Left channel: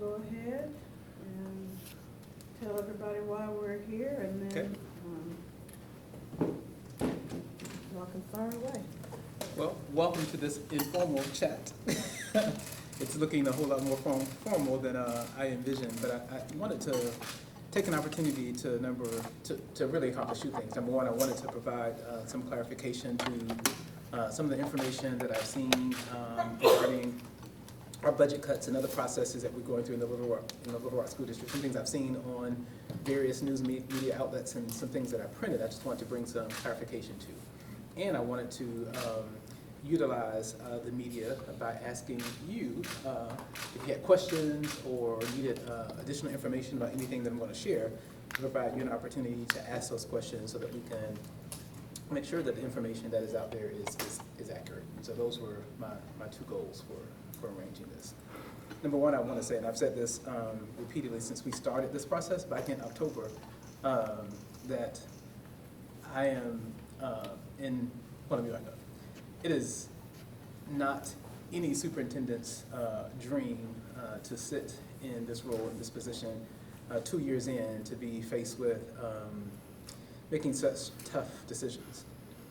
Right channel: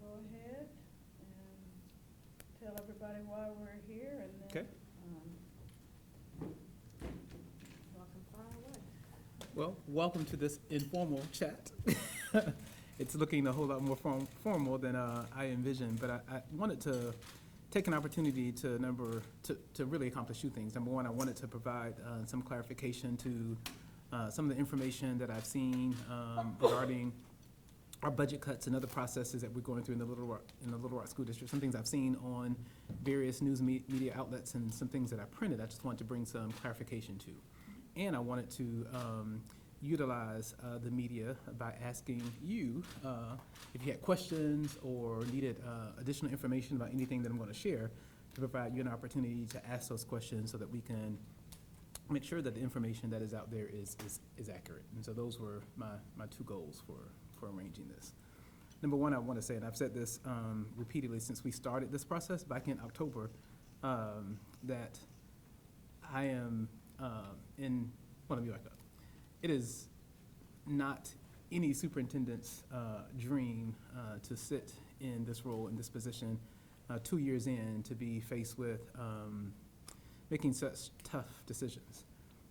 go ahead and tell everybody why we're here, and then y'all can fire away. Well, welcome to this informal chat. It's looking a whole lot more formal than I envisioned, but I wanted to take an opportunity to really accomplish two things. Number one, I wanted to provide some clarification to some of the information that I've seen regarding our budget cuts and other processes that we're going through in the Little Rock School District. Some things I've seen on various news media outlets and some things that I printed. I just wanted to bring some clarification to. And I wanted to utilize the media by asking you if you had questions or needed additional information about anything that I'm going to share, to provide you an opportunity to ask those questions so that we can make sure that the information that is out there is accurate. And so those were my two goals for arranging this. Number one, I want to say, and I've said this repeatedly since we started this process back in October, that I am let me back up. It is not any superintendent's dream to sit in this role, in this position, 2 years in, to be faced with making such tough decisions.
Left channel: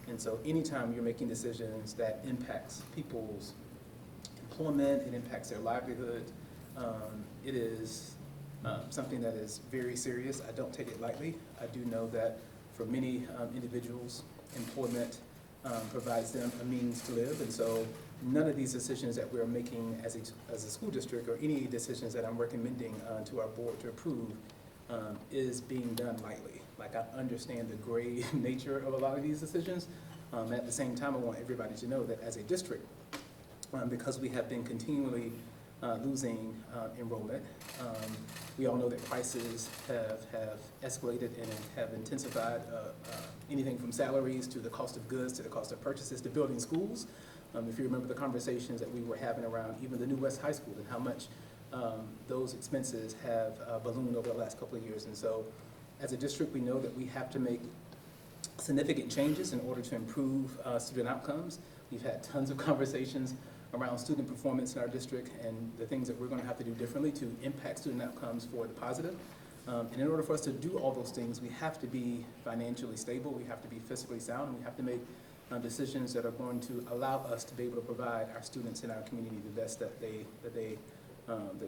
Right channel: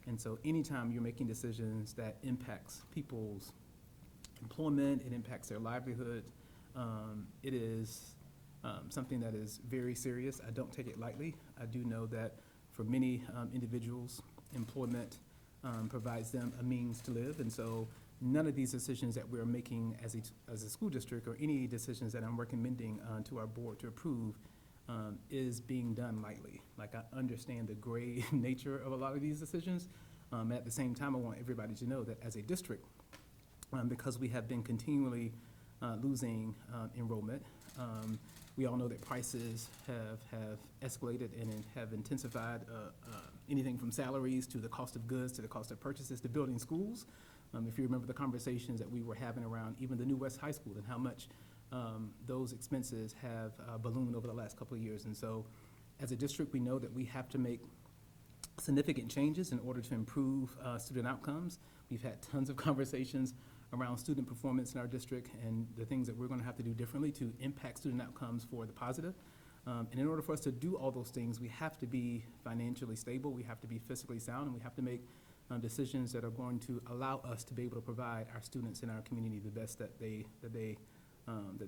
And so anytime you're making decisions that impacts people's employment, it impacts their livelihood, it is something that is very serious. I don't take it lightly. I do know that for many individuals, employment provides them a means to live, and so none of these decisions that we're making as a school district, or any decisions that I'm recommending to our board to approve, is being done lightly. Like, I understand the grave nature of a lot of these decisions. At the same time, I want everybody to know that as a district, because we have been continually losing enrollment, we all know that prices have escalated and have intensified, anything from salaries to the cost of goods to the cost of purchases to building schools. If you remember the conversations that we were having around even the new West High School and how much those expenses have ballooned over the last couple of years. And so as a district, we know that we have to make significant changes in order to improve student outcomes. We've had tons of conversations around student performance in our district and the things that we're going to have to do differently to impact student outcomes for the positive. And in order for us to do all those things, we have to be financially stable, we have to be fiscally sound, and we have to make decisions that are going to allow us to be able to provide our students in our community the best that they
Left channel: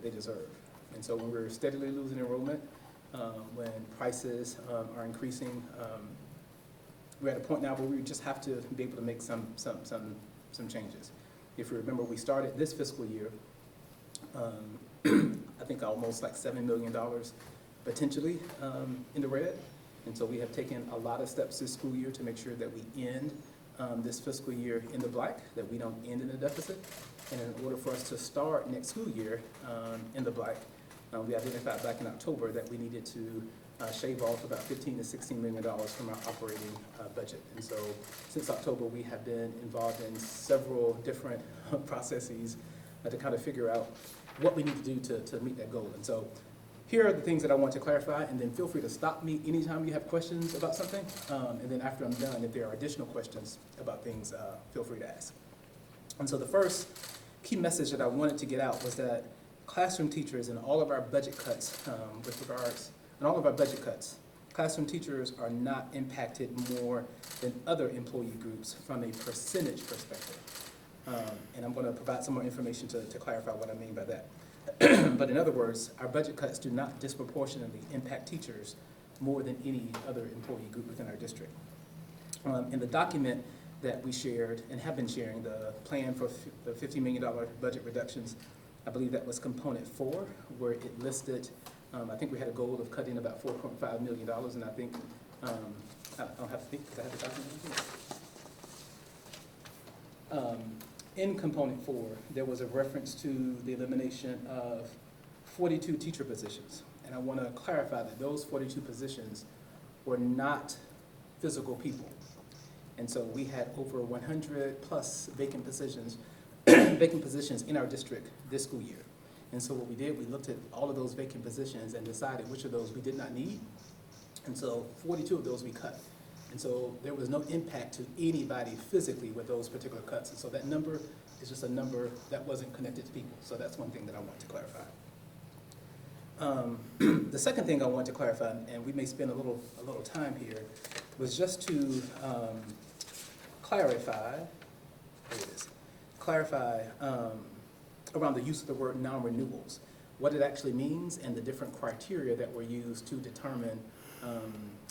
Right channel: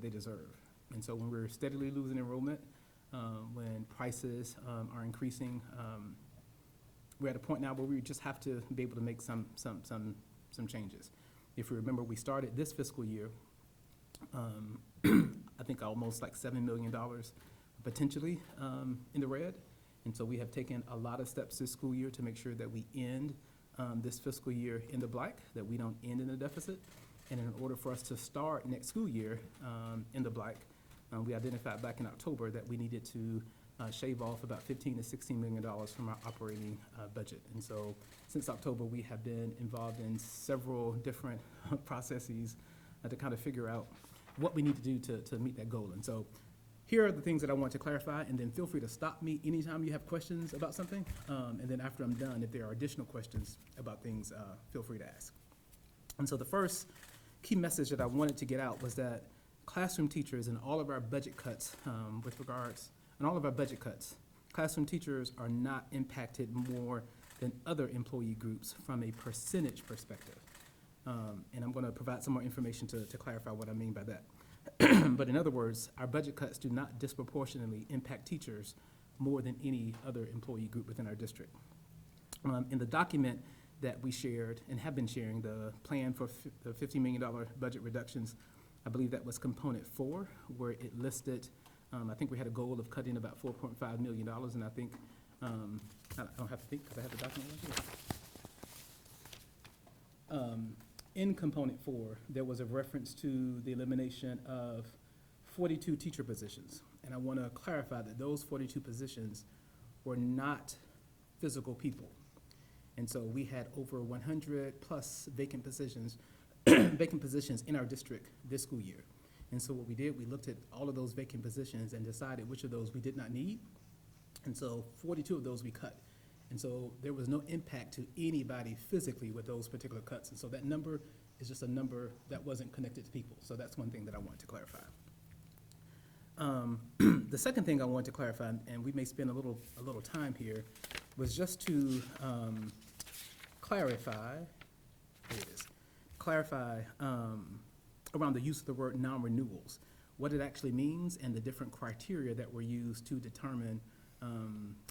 deserve. And so when we're steadily losing enrollment, when prices are increasing, we're at a point now where we just have to be able to make some changes. If you remember, we started this fiscal year, I think almost like $7 million potentially in the red. And so we have taken a lot of steps this school year to make sure that we end this fiscal year in the black, that we don't end in a deficit. And in order for us to start next school year in the black, we identified back in October that we needed to shave off about $15 to $16 million from our operating budget. And so since October, we have been involved in several different processes to kind of figure out what we need to do to meet that goal. And so here are the things that I want to clarify, and then feel free to stop me anytime you have questions about something. And then after I'm done, if there are additional questions about things, feel free to ask. And so the first key message that I wanted to get out was that classroom teachers and all of our budget cuts classroom teachers are not impacted more than other employee groups from a percentage perspective. And I'm going to provide some more information to clarify what I mean by that. But in other words, our budget cuts do not disproportionately impact teachers more than any other employee group within our district. In the document that we shared and have been sharing, the plan for the $50 million budget reductions, I believe that was component 4, where it listed, I think we had a goal of cutting about $4.5 million, and I think, I don't have to think because I have the document. In component 4, there was a reference to the elimination of 42 teacher positions. And I want to clarify that those 42 positions were not physical people. And so we had over 100 plus vacant positions in our district this school year. And so what we did, we looked at all of those vacant positions and decided which of those we did not need. And so 42 of those we cut. And so there was no impact to anybody physically with those particular cuts. And so that number is just a number that wasn't connected to people. So that's one thing that I want to clarify. The second thing I wanted to clarify, and we may spend a little time here, was just to clarify around the use of the word non-renewals, what it actually means, and the different criteria that were used to determine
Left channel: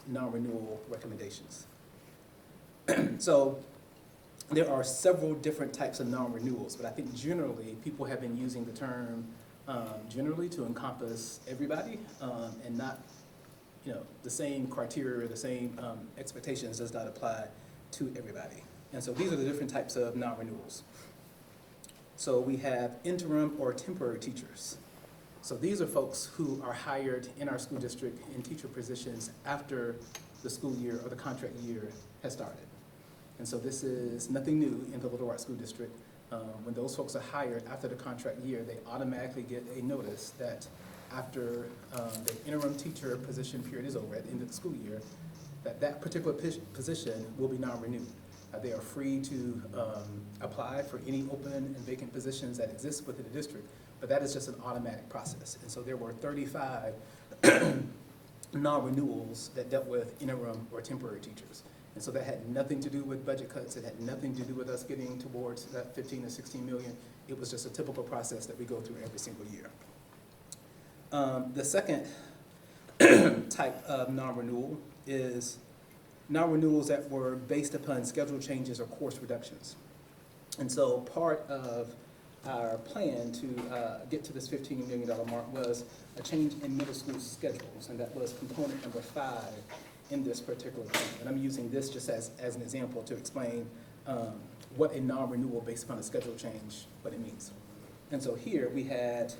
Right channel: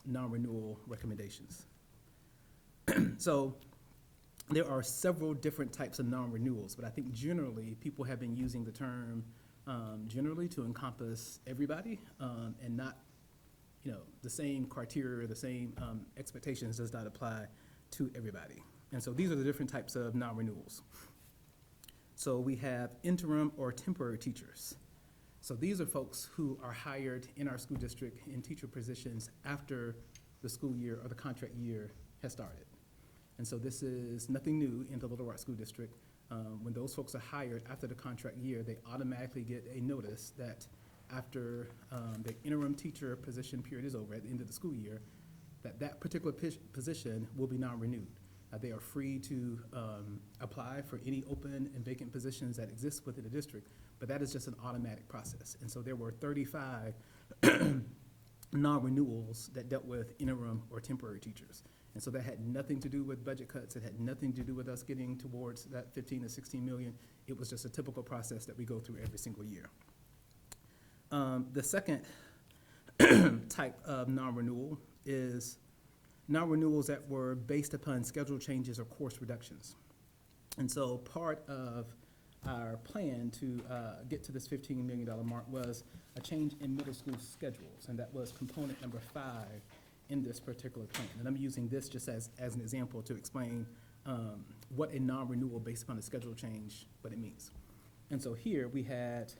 non-renewal recommendations. So there are several different types of non-renewals, but I think generally people have been using the term generally to encompass everybody, and not, the same criteria, the same expectations does not apply to everybody. And so these are the different types of non-renewals. So we have interim or temporary teachers. So these are folks who are hired in our school district in teacher positions after the school year or the contract year has started. And so this is nothing new in the Little Rock School District. When those folks are hired after the contract year, they automatically get a notice that after the interim teacher position period is over at the end of the school year, that particular position will be non-renewed. They are free to apply for any open and vacant positions that exist within the district, but that is just an automatic process. And so there were 35 non-renewals that dealt with interim or temporary teachers. And so that had nothing to do with budget cuts. It had nothing to do with us getting towards that 15 to 16 million. It was just a typical process that we go through every single year. The second type of non-renewal is non-renewals that were based upon schedule changes or course reductions. And so part of our plan to get to this $15 million mark was a change in middle school schedules, and that was component number 5 in this particular plan. And I'm using this just as an example to explain what a non-renewal based upon a schedule change, what it means. And so here we have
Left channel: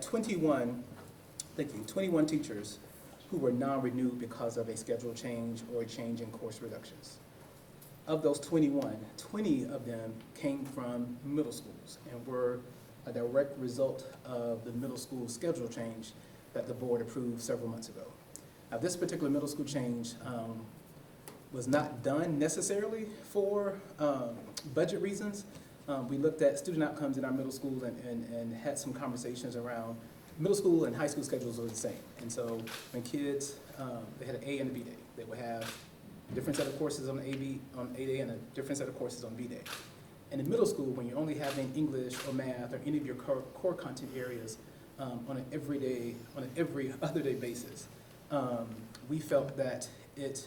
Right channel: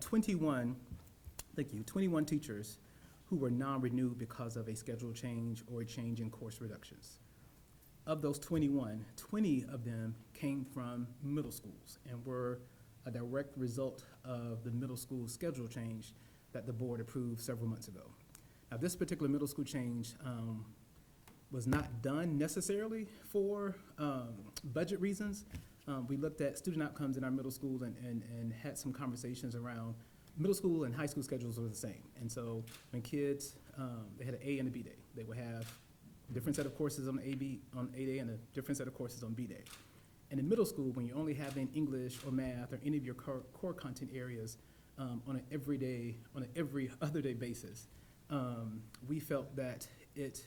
21 teachers who were non-renewed because of a schedule change or a change in course reductions. Of those 21, 20 of them came from middle schools and were a direct result of the middle school schedule change that the board approved several months ago. Now, this particular middle school change was not done necessarily for budget reasons. We looked at student outcomes in our middle schools and had some conversations around middle school and high school schedules were the same. And so when kids, they had an A and a B day, they would have a different set of courses on A day and a different set of courses on B day. And in middle school, when you're only having English or math or any of your core content areas on an every other day basis, we felt that it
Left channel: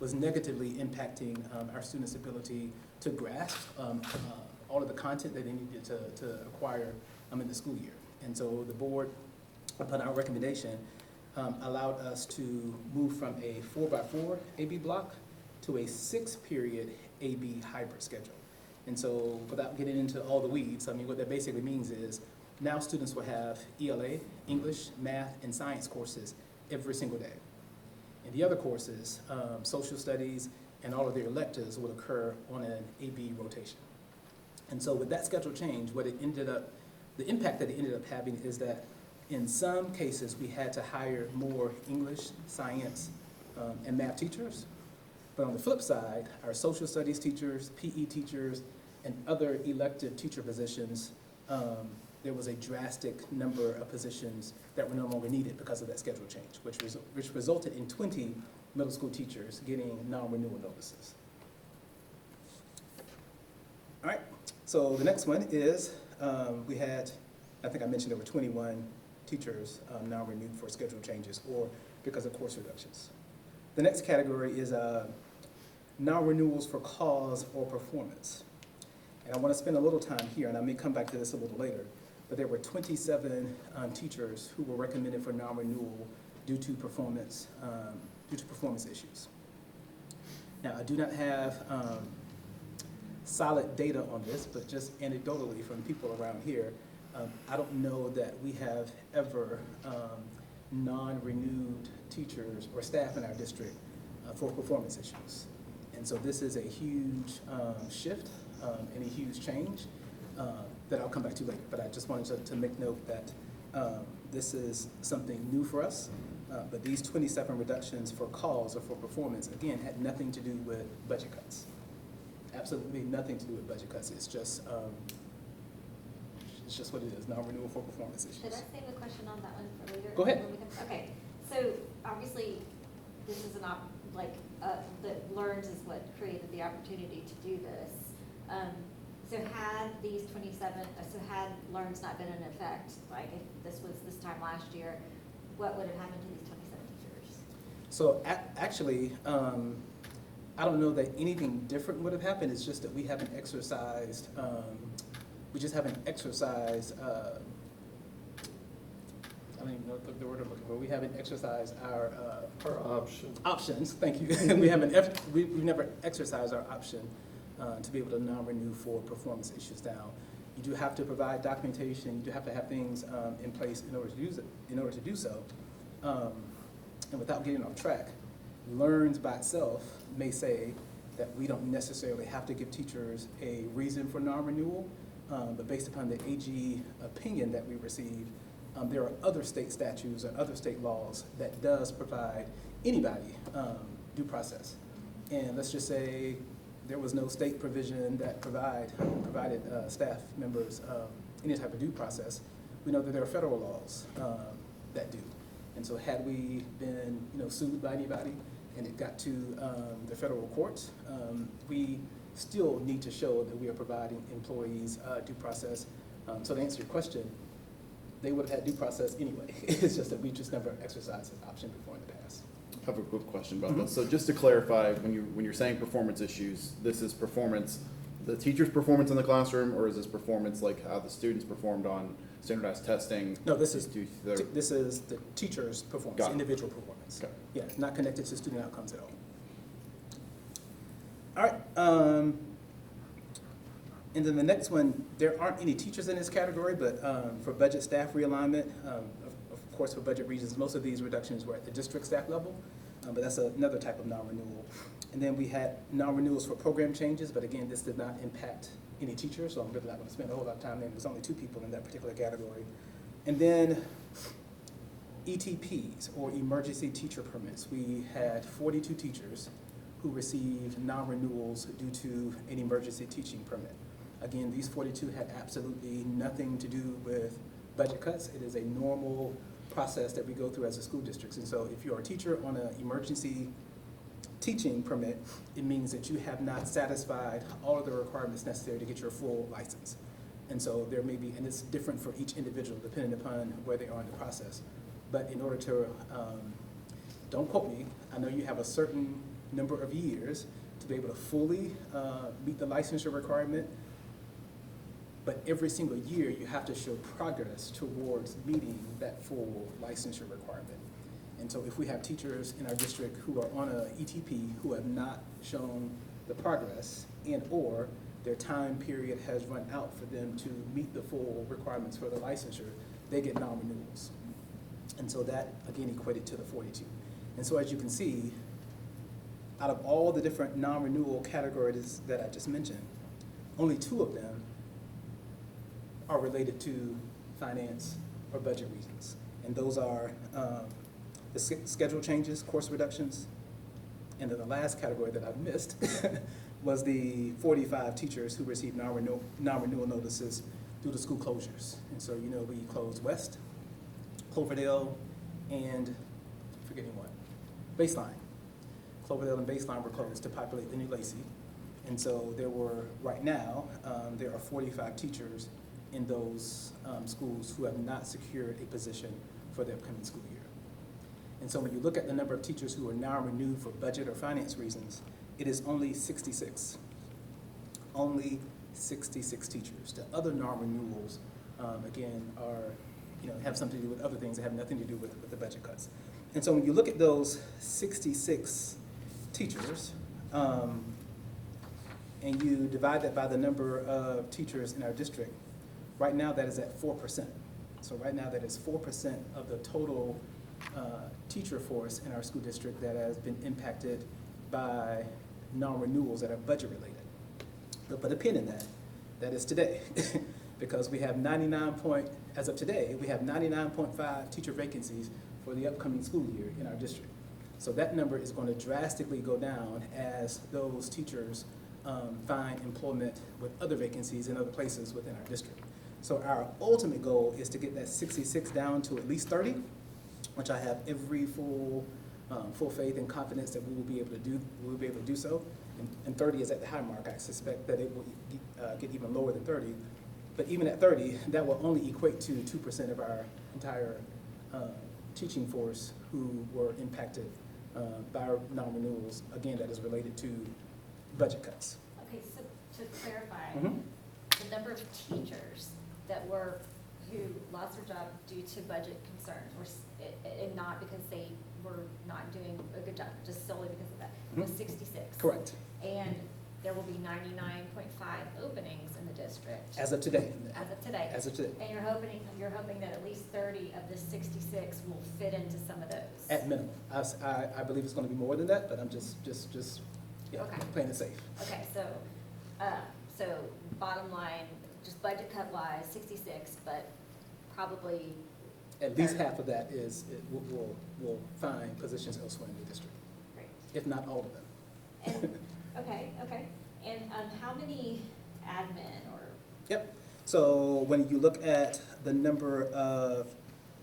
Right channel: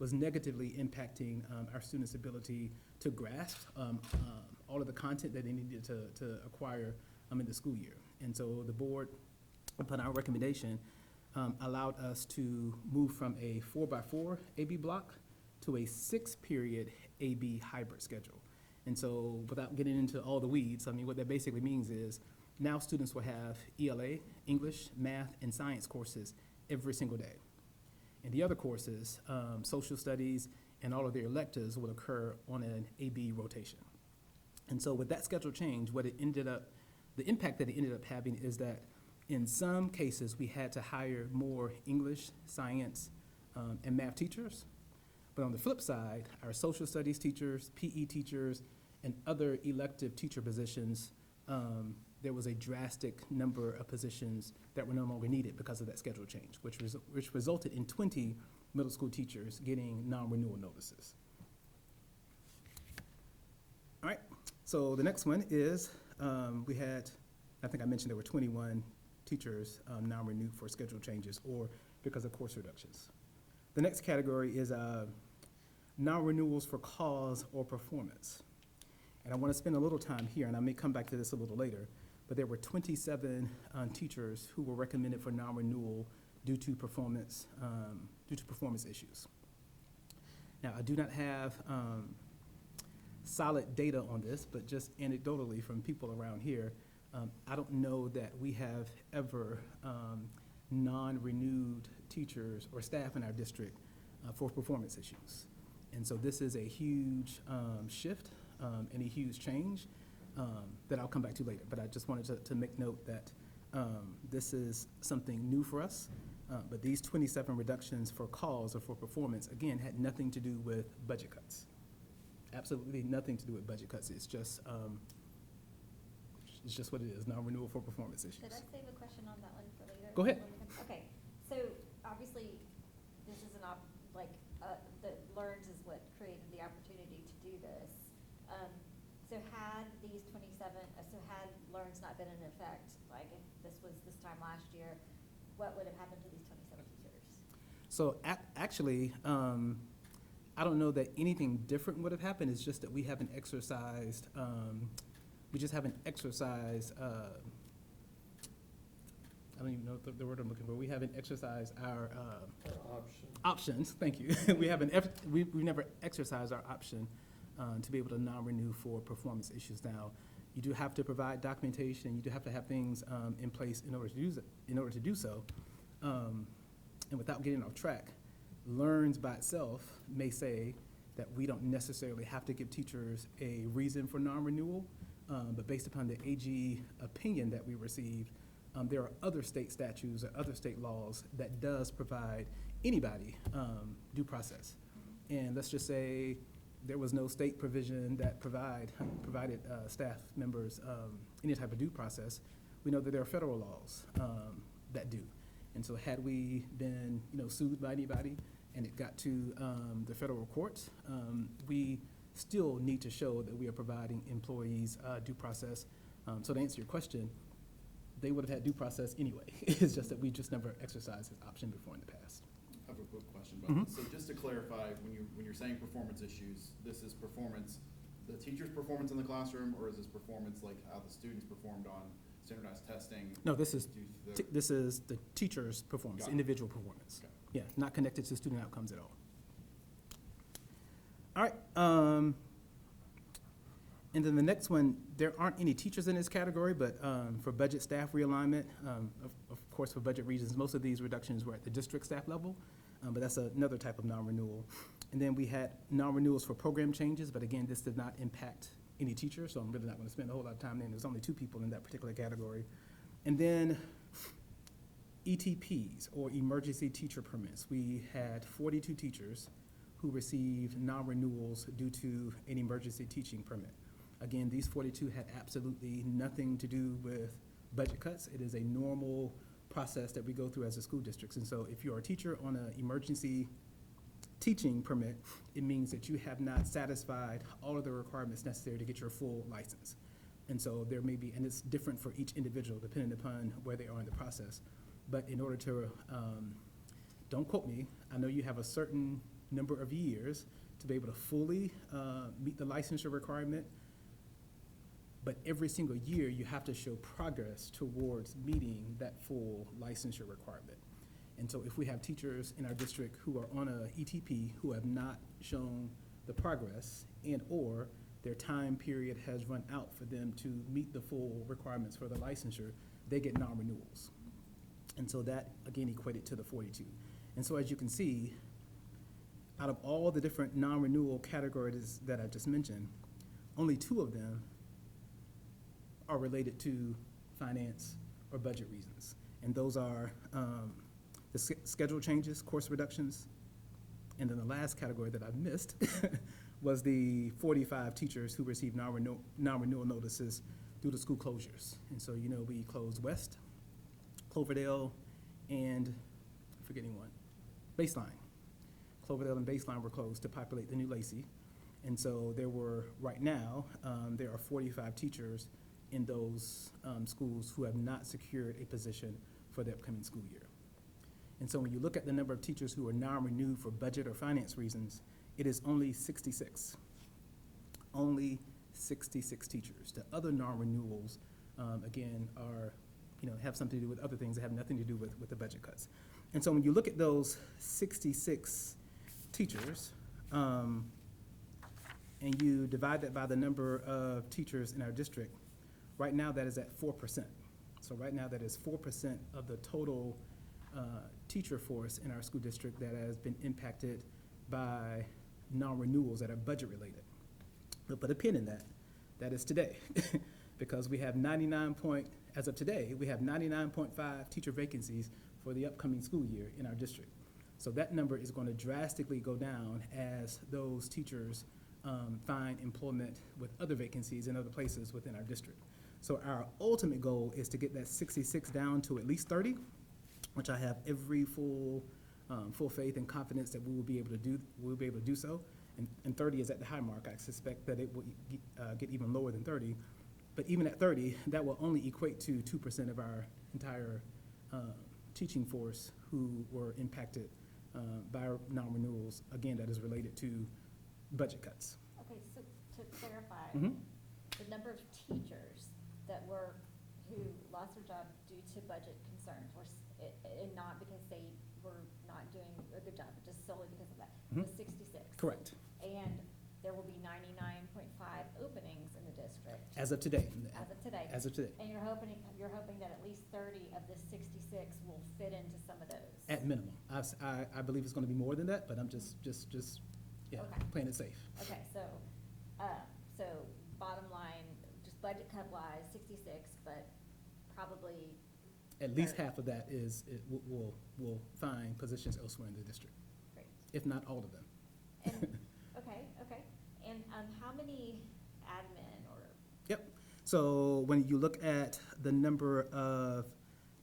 was negatively impacting our students' ability to grasp all of the content that they needed to acquire in the school year. And so the board, upon our recommendation, allowed us to move from a 4x4 AB block to a 6-period AB hybrid schedule. And so without getting into all the weeds, what that basically means is now students will have ELA, English, math, and science courses every single day. And the other courses, social studies and all of their electives would occur on an AB rotation. And so with that schedule change, the impact that it ended up having is that in some cases we had to hire more English, science, and math teachers. But on the flip side, our social studies teachers, PE teachers, and other elective teacher positions, there was a drastic number of positions that were no longer needed because of that schedule change, which resulted in 20 middle school teachers getting non-renewal notices. All right, so the next one is we had, I think I mentioned there were 21 teachers now renewed for schedule changes or because of course reductions. The next category is non-renewals for cause or performance. And I want to spend a little time here, and I may come back to this a little later, but there were 27 teachers who were recommended for non-renewal due to performance issues. Now, I do not have solid data on this, but just anecdotally from people around here, I don't know that we have ever non-renewed teachers or staff in our district for performance issues. And so this is a huge shift and a huge change that I'll come back to later. But I just wanted to make note that this is something new for us. But these 27 reductions for cause or for performance, again, had nothing to do with budget cuts. Absolutely nothing to do with budget cuts. It's just It's just what it is, non-renewal for performance issues. Should I save a question on that one for later? Go ahead. Okay, so obviously, this is that Learns is what created the opportunity to do this. So had these 27, had Learns not been in effect, like if this was this time last year, what would have happened to these 27 teachers? So actually, I don't know that anything different would have happened. It's just that we haven't exercised, I don't even know the word I'm looking for. We haven't exercised our options. Thank you. We've never exercised our option to be able to non-renew for performance issues. Now, you do have to provide documentation. You do have to have things in place in order to do so. And without getting off track, Learns by itself may say that we don't necessarily have to give teachers a reason for non-renewal, but based upon the AG opinion that we received, there are other state statutes or other state laws that does provide anybody due process. And let's just say there was no state provision that provided staff members any type of due process. We know that there are federal laws that do. And so had we been sued by anybody and it got to the federal courts, we still need to show that we are providing employees due process. So to answer your question, they would have had due process anyway. It's just that we just never exercised this option before in the past. I have a quick question about this. So just to clarify, when you're saying performance issues, this is performance, the teacher's performance in the classroom, or is this performance like how the students performed on standardized testing? No, this is the teacher's performance, individual performance. Okay. Yeah, not connected to student outcomes at all. All right. And then the next one, there aren't any teachers in this category, but for budget staff realignment, of course for budget reasons, most of these reductions were at the district staff level, but that's another type of non-renewal. And then we had non-renewals for program changes, but again, this did not impact any teachers, so I'm really not going to spend a whole lot of time there. There's only 2 people in that particular category. And then ETPs, or emergency teacher permits. We had 42 teachers who received non-renewals due to an emergency teaching permit. Again, these 42 had absolutely nothing to do with budget cuts. It is a normal process that we go through as a school district. And so if you're a teacher on an emergency teaching permit, it means that you have not satisfied all of the requirements necessary to get your full license. And so there may be, and it's different for each individual depending upon where they are in the process. But in order to, don't quote me, I know you have a certain number of years to be able to fully meet the licensure requirement. But every single year, you have to show progress towards meeting that full licensure requirement. And so if we have teachers in our district who are on a ETP who have not shown the progress and or their time period has run out for them to meet the full requirements for the licensure, they get non-renewals. And so that, again, equated to the 42. And so as you can see, out of all the different non-renewal categories that I just mentioned, only 2 of them are related to finance or budget reasons. And those are the schedule changes, course reductions, and then the last category that I missed was the 45 teachers who received non-renewal notices due to school closures. And so, we closed West, Cloverdale, and forgetting what, Baseline. Cloverdale and Baseline were closed to populate the new Lacey. And so right now, there are 45 teachers in those schools who have not secured a position for the upcoming school year. And so when you look at the number of teachers who are now renewed for budget or finance reasons, it is only 66. Only 66 teachers. The other non-renewals, again, are, have something to do with other things that have nothing to do with the budget cuts. And so when you look at those 66 teachers, and you divide that by the number of teachers in our district, right now that is at 4%. So right now that is 4% of the total teacher force in our school district that has been impacted by non-renewals that are budget related. But put a pin in that. That is today. Because we have as of today, we have 99.5 teacher vacancies for the upcoming school year in our district. So that number is going to drastically go down as those teachers find employment with other vacancies in other places within our district. So our ultimate goal is to get that 66 down to at least 30, which I have every full faith and confidence that we will be able to do so. And 30 is at the high mark. I suspect that it will get even lower than 30. But even at 30, that will only equate to 2% of our entire teaching force who were impacted by non-renewals. Again, that is related to budget cuts. Okay, so to clarify, Mhm. the number of teachers who lost their job due to budget concerns, and not because they were not doing a good job, just solely because of that, was 66. Correct. And there will be 99.5 openings in the district. As of today. As of today. As of today. And you're hoping that at least 30 of the 66 will fit into some of those. At minimum. I believe it's gonna be more than that, but I'm just Okay. playing it safe. Okay, so bottom line, just budget cut wise, 66, but probably. At least half of that will find positions elsewhere in the district, Great. if not all of them. And, okay. And how many admin or? Yep. So when you look at the number of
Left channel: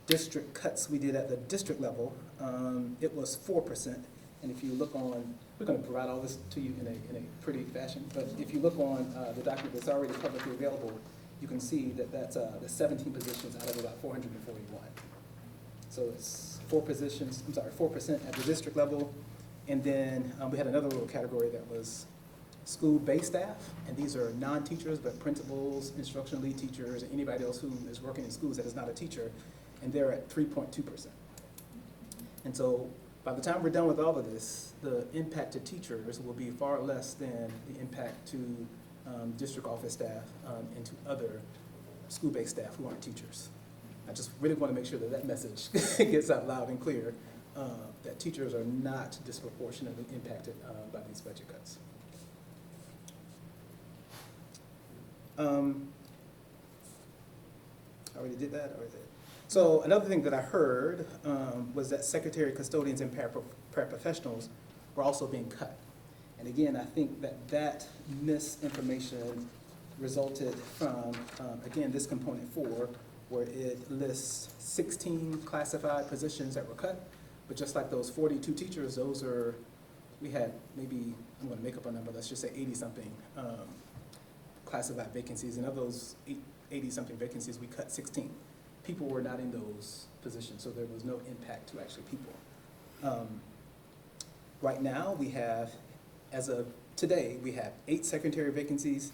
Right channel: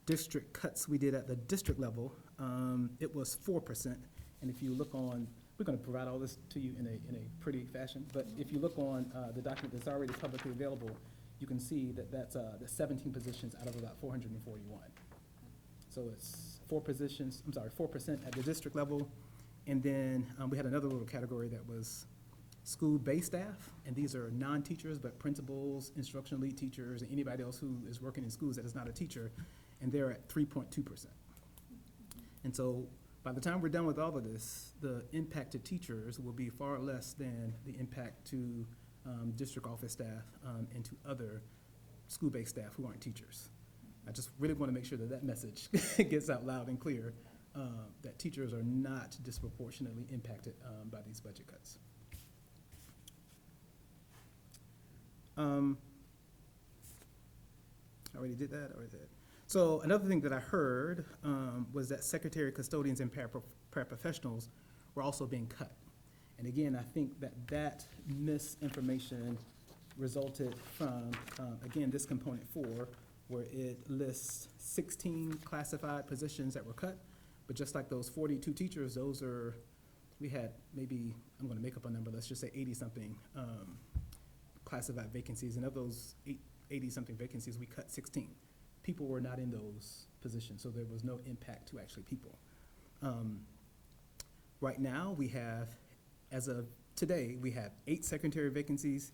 district cuts we did at the district level, it was 4%. And if you look on, we're going to provide all this to you in a pretty fashion, but if you look on the document that's already publicly available, you can see that that's the 17 positions out of about 441. So it's 4% at the district level. And then we had another little category that was school-based staff, and these are non-teachers, but principals, instructional lead teachers, and anybody else who is working in schools that is not a teacher, and they're at 3.2%. And so by the time we're done with all of this, the impact to teachers will be far less than the impact to district office staff and to other school-based staff who aren't teachers. I just really want to make sure that that message gets out loud and clear, that teachers are not disproportionately impacted by these budget cuts. I already did that. So another thing that I heard was that secretary, custodians, and paraprofessionals were also being cut. And again, I think that misinformation resulted from, again, this component 4, where it lists 16 classified positions that were cut. But just like those 42 teachers, we had maybe, I'm going to make up a number, let's just say 80-something classified vacancies. And of those 80-something vacancies, we cut 16. People were not in those positions, so there was no impact to actually people. Right now, we have, as of today, we have 8 secretary vacancies,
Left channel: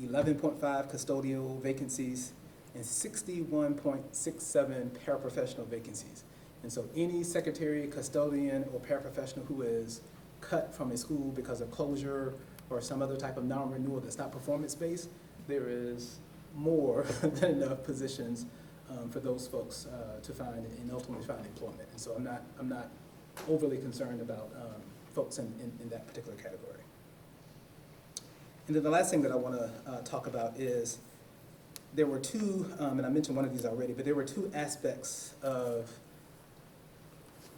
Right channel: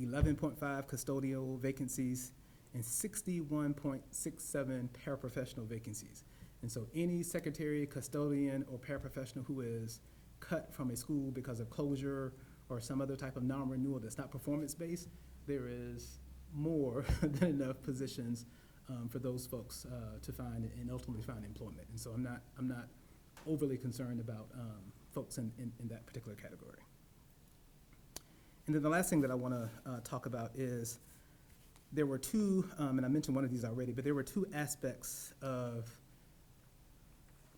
11.5 custodial vacancies, and 61.67 paraprofessional vacancies. And so any secretary, custodian, or paraprofessional who is cut from a school because of closure or some other type of non-renewal that's not performance-based, there is more than enough positions for those folks to find and ultimately find employment. And so I'm not overly concerned about folks in that particular category. And then the last thing that I want to talk about is there were two, and I mentioned one of these already, but there were 2 aspects of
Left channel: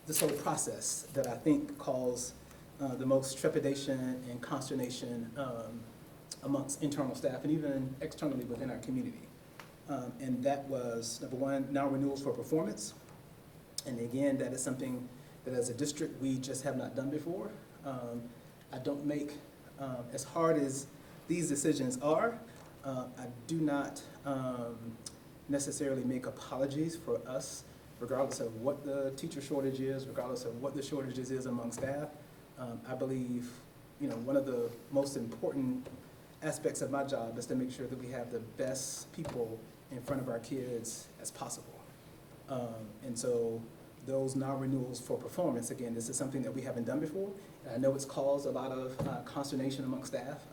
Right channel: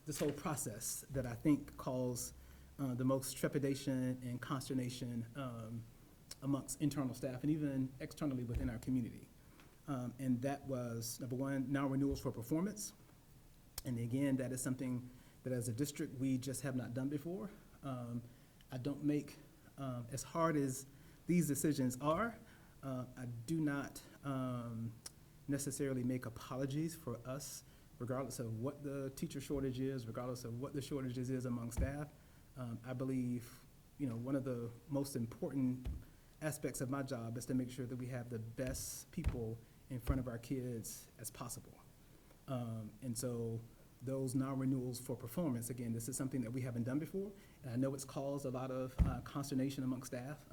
this whole process that I think caused the most trepidation and consternation amongst internal staff and even externally within our community. And that was, number 1, non-renewals for performance. And again, that is something that as a district we just have not done before. I don't make, as hard as these decisions are, I do not necessarily make apologies for us, regardless of what the teacher shortage is, regardless of what the shortages is among staff. I believe, one of the most important aspects of my job is to make sure that we have the best people in front of our kids as possible. And so those non-renewals for performance, again, this is something that we haven't done before. And I know it's caused a lot of consternation among staff,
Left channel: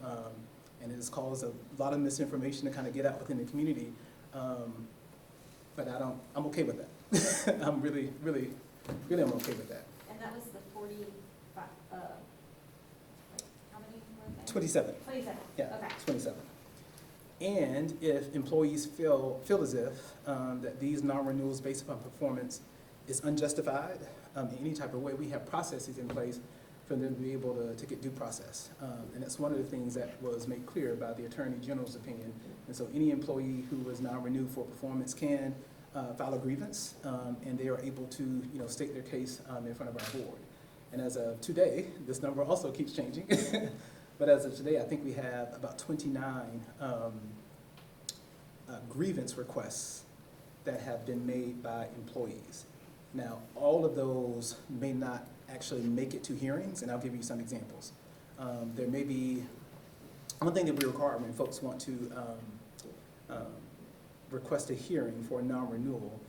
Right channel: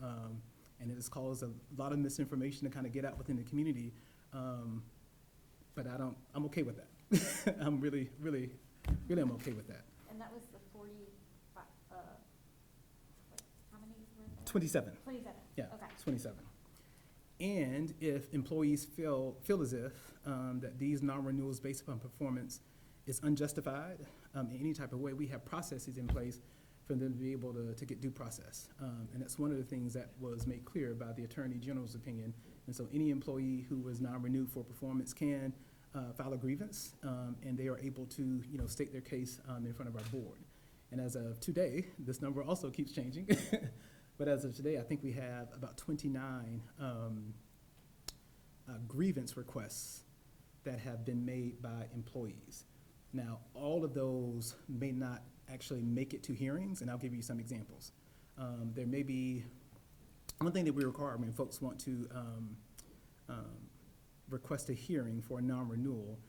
and it's caused a lot of misinformation to kind of get out within the community. But I'm okay with that. I'm really I'm okay with that. And that was the 45, how many were there? 27. 27, Yeah, okay. 27. And if employees feel as if that these non-renewals based upon performance is unjustified in any type of way, we have processes in place for them to be able to get due process. And that's one of the things that was made clear by the Attorney General's opinion And so any employee who was non-renewed for performance can file a grievance, and they are able to, state their case in front of our board. And as of today, this number also keeps changing. But as of today, I think we have about 29 grievance requests that have been made by employees. Now, all of those may not actually make it to hearings, and I'll give you some examples. There may be, one thing that we require when folks want to request a hearing for a non-renewal,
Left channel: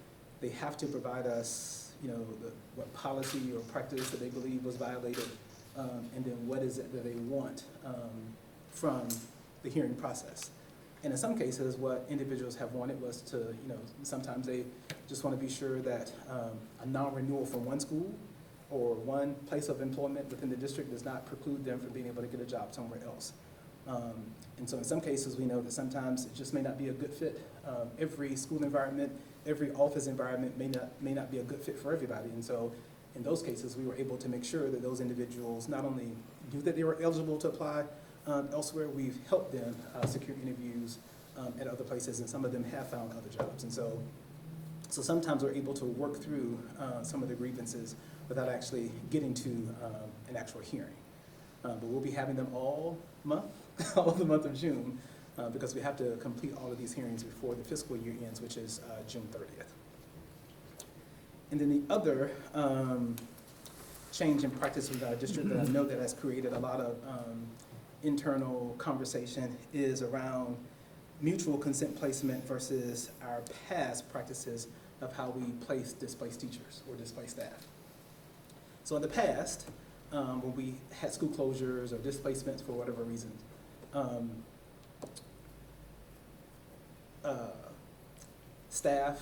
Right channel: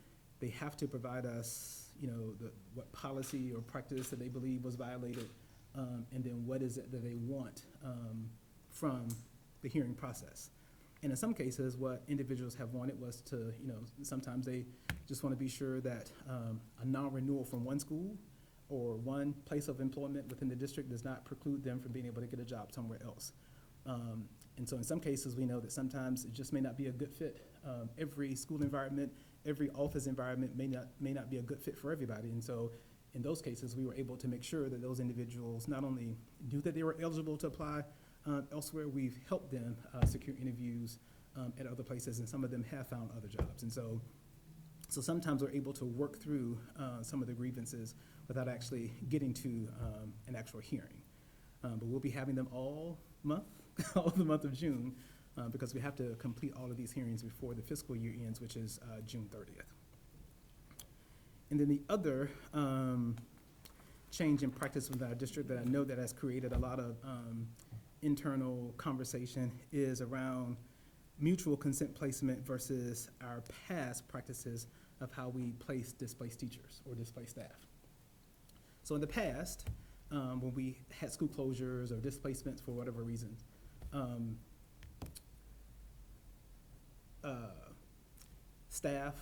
they have to provide us, what policy or practice that they believe was violated, and then what is it that they want from the hearing process. And in some cases, what individuals have wanted was to, sometimes they just want to be sure that a non-renewal from one school or one place of employment within the district does not preclude them from being able to get a job somewhere else. And so in some cases, we know that sometimes it just may not be a good fit. Every school environment, every office environment may not be a good fit for everybody. And so in those cases, we were able to make sure that those individuals not only knew that they were eligible to apply elsewhere, we've helped them secure interviews at other places, and some of them have found other jobs. And so sometimes we're able to work through some of the grievances without actually getting to an actual hearing. But we'll be having them all month, all of the month of June, because we have to complete all of these hearings before the fiscal year ends, which is June 30th. And then the other change in practice with our district that I know that has created a lot of internal conversation is around mutual consent placement versus our past practices of how we place displaced teachers or displaced staff. So in the past, when we had school closures or displacements for whatever reason, staff,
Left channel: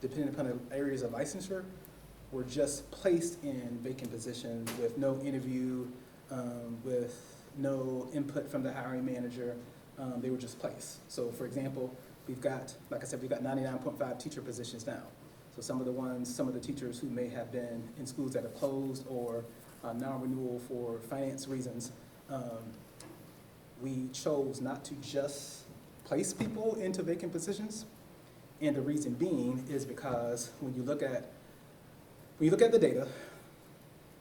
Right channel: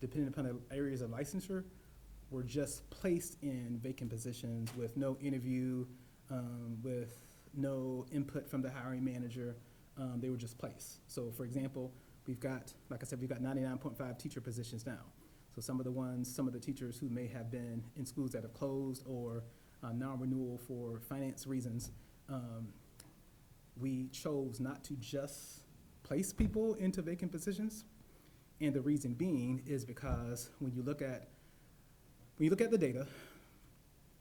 depending upon the areas of licensure, were just placed in vacant positions with no interview, with no input from the hiring manager. They were just placed. So for example, we've got, like I said, we've got 99.5 teacher positions now. So some of the teachers who may have been in schools that have closed or non-renewal for finance reasons, we chose not to just place people into vacant positions. And the reason being is because when you look at the data,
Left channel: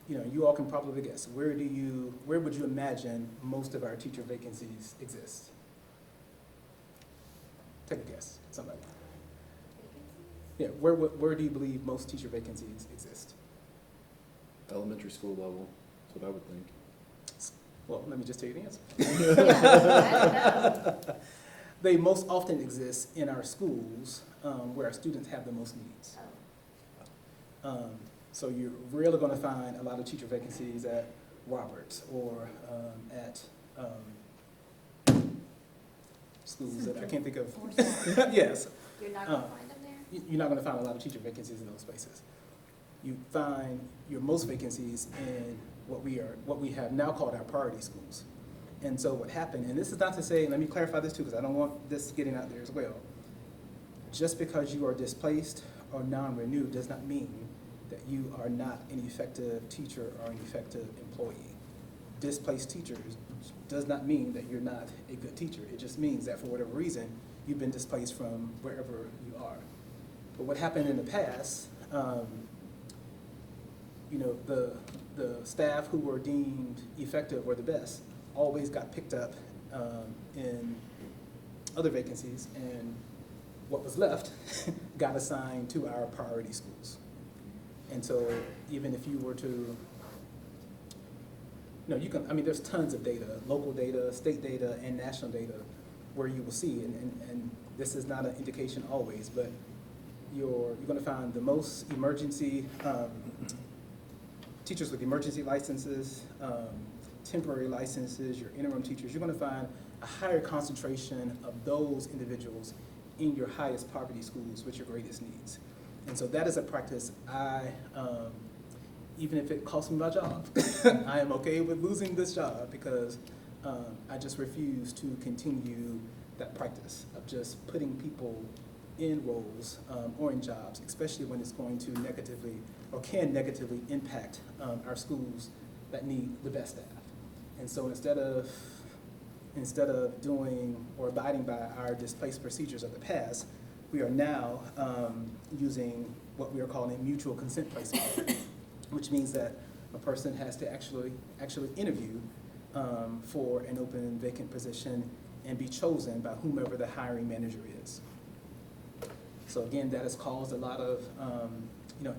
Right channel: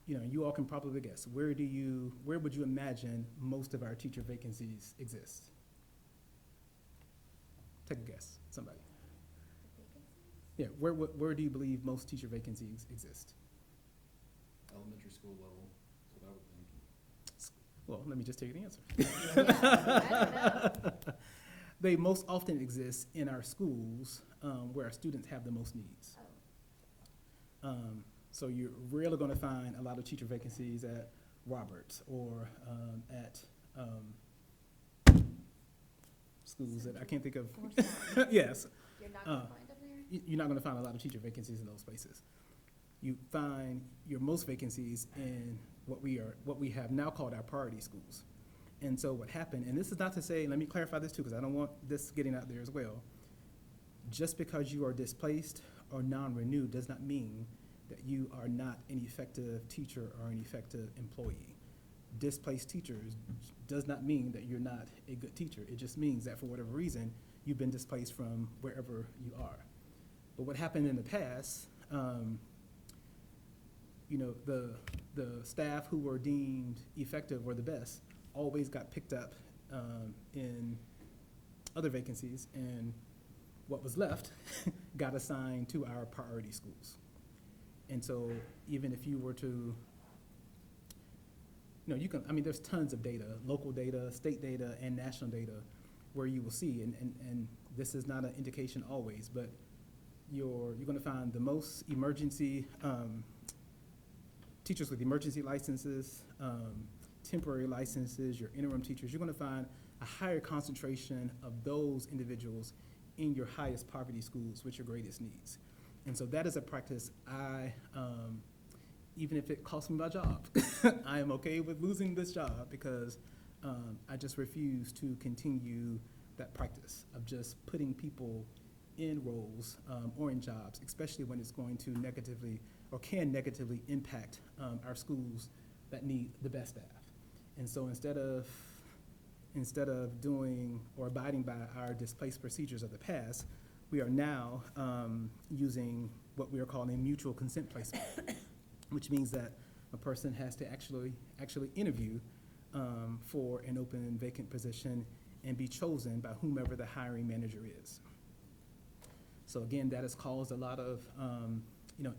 you all can probably guess, where would you imagine most of our teacher vacancies exist? Take a guess, somebody. Yeah, where do you believe most teacher vacancies exist? Elementary school level, that's what I would think. Well, let me just tell you the answer. I don't know. They most often exist in our schools where our students have the most needs. So you're really going to find a lot of teacher vacancies at Roberts or at schools that I can't think of. Yes. You're not gonna find them there? You're not going to find a lot of teacher vacancies in those places. You find your most vacancies in what we have now called our priority schools. And so what happened, and this is not to say, let me clarify this too, because I don't want this getting out there as well. Just because you are displaced or non-renewed does not mean that you are not an effective teacher or an effective employee. Displaced teachers does not mean that you're not a good teacher. It just means that for whatever reason, you've been displaced from wherever you are. But what happened in the past, the staff who were deemed effective or the best always got picked up in other vacancies, and what was left got assigned to our priority schools. And so even if you were to, there's tons of data, local data, state data, and national data, where you will see, and this is not an indication always, but you're going to find the most emergency, teachers with emergency licenses, temporary licenses, your interim teachers, you're going to find a higher concentration of those individuals in your highest poverty schools with your greatest needs. And so that is a practice even if it costs me my job, I am okay with losing this job because I just refuse to continue that practice of just putting people in roles or in jobs, especially when it's going to negatively or can negatively impact our schools that need the best staff. And so instead of instead of doing or abiding by our displaced procedures of the past, we are now using what we are calling a mutual consent placement, which means that a person has to actually interview for an open vacant position and be chosen by whomever the hiring manager is. So again, that has caused a lot of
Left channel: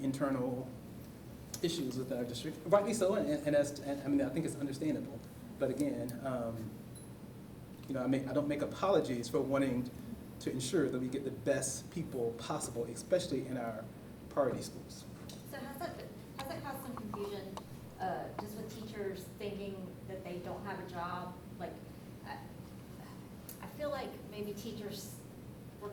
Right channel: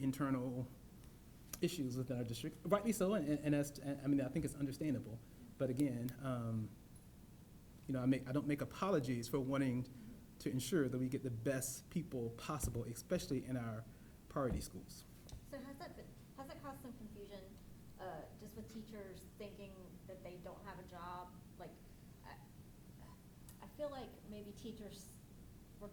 internal issues within our district, rightly so, and I mean, I think it's understandable. But again, I don't make apologies for wanting to ensure that we get the best people possible, especially in our priority schools. So has that caused some confusion, just with teachers thinking that they don't have a job? Like, I feel like maybe teachers were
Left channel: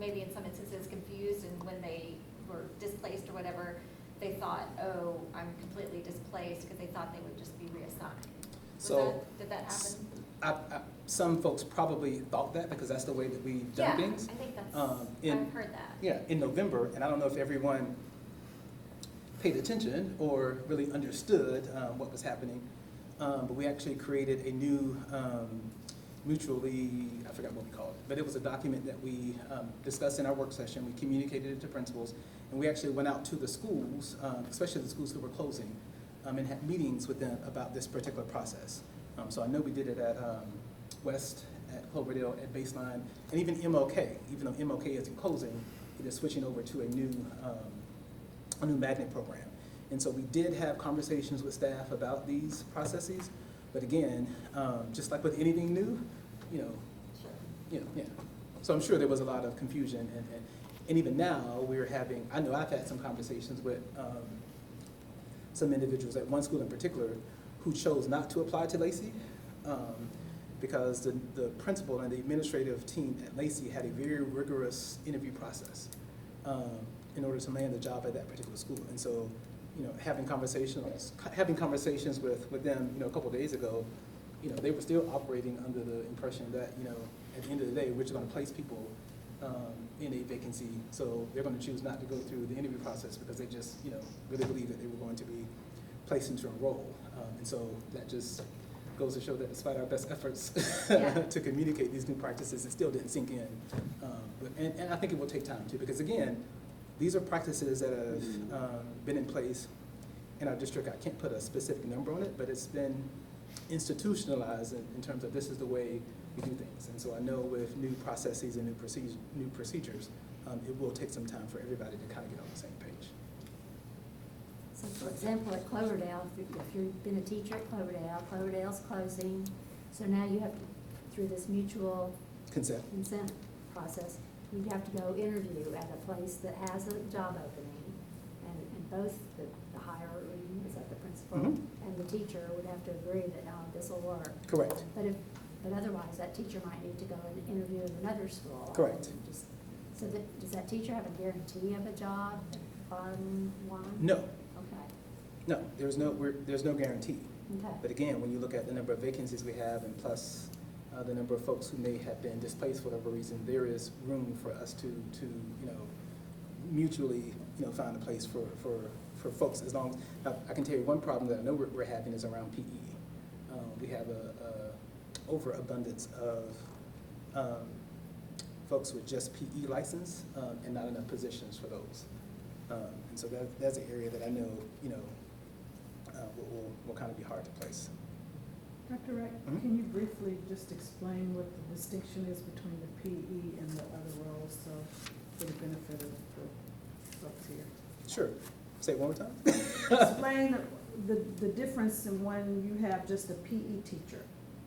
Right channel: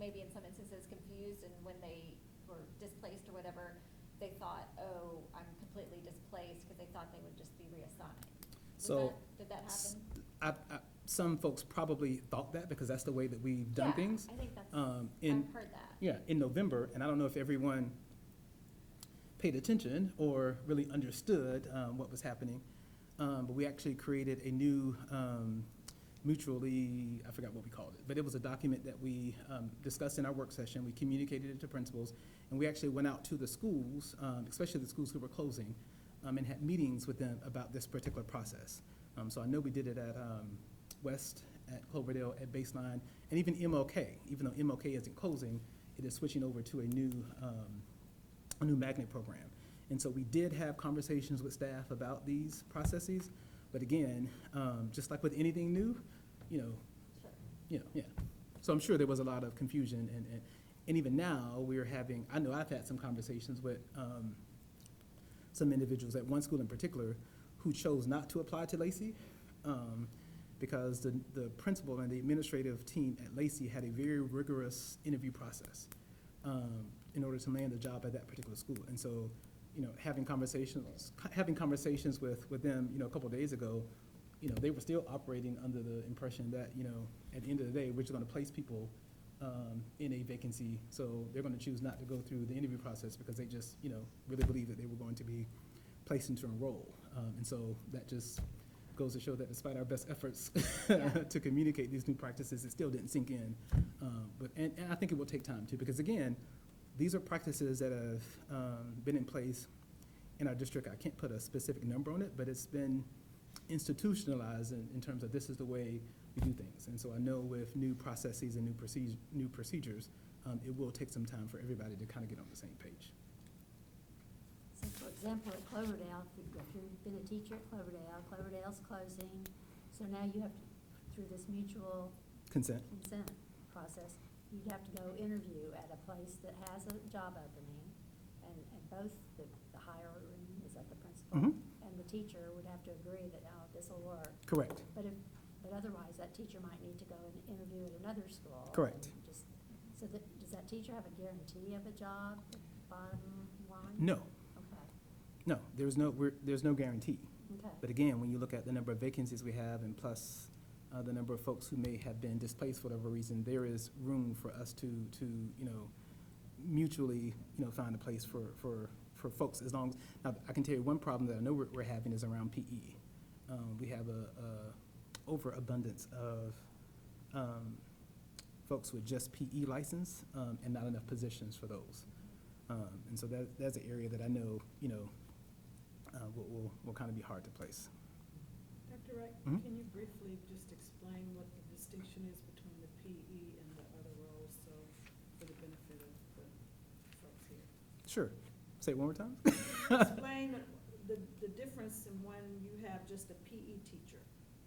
maybe in some instances confused, and when they were displaced or whatever, they thought, oh, I'm completely displaced, because they thought they would just be reassigned. Did that happen? Some folks probably thought that because that's the way that we've done things. I think that's, I've heard that. Yeah, in November, and I don't know if everyone paid attention or really understood what was happening, but we actually created a new mutually, I forgot what we called it, but it was a document that we discussed in our work session. We communicated it to principals, and we actually went out to the schools, especially the schools who were closing, and had meetings with them about this particular process. So I know we did it at West, at Cloverdale, at Baseline, and even MLK. Even though MLK isn't closing, it is switching over to a new magnet program. And so we did have conversations with staff about these processes, but again, just like with anything new, So I'm sure there was a lot of confusion, and even now I know I've had some conversations with some individuals at one school in particular who chose not to apply to Lacey because the principal and the administrative team at Lacey had a very rigorous interview process in order to land the job at that particular school. And so, having conversations with them, a couple of days ago, they were still operating under the impression that, at the end of the day, we're just going to place people in a vacancy. So they're going to choose not to go through the interview process because they just, really believe that they were going to be placed into a role. And so that just goes to show that despite our best efforts to communicate these new practices, it still didn't sink in. And I think it will take time too, because again, these are practices that have been in place in our district. I can't put a specific number on it, but it's been institutionalized in terms of this is the way we do things. And so I know with new processes and new procedures, it will take some time for everybody to kind of get on the same page. So for example, at Cloverdale, if you've been a teacher at Cloverdale's closing, so now you have to, through this mutual Consent. process, you have to go interview at a place that has a job opening, and both the hirer, is that the principal, and the teacher would have to agree that, this will work. Correct. But otherwise, that teacher might need to go and interview at another school. Correct. So does that teacher have a guarantee of a job at bottom line? No. Okay. No, there's no guarantee. Okay. But again, when you look at the number of vacancies we have and plus the number of folks who may have been displaced for whatever reason, there is room for us to mutually find a place for folks. As long as I can tell you one problem that I know we're having is around PE. We have a overabundance of folks with just PE license and not enough positions for those. And so that's an area that I know will kind of be hard to place. Dr. Wright, can you briefly just explain what the distinction is between the PE and the other roles, so for the benefit of folks here? Sure. Say it one more time. Explain the difference in when you have just a PE teacher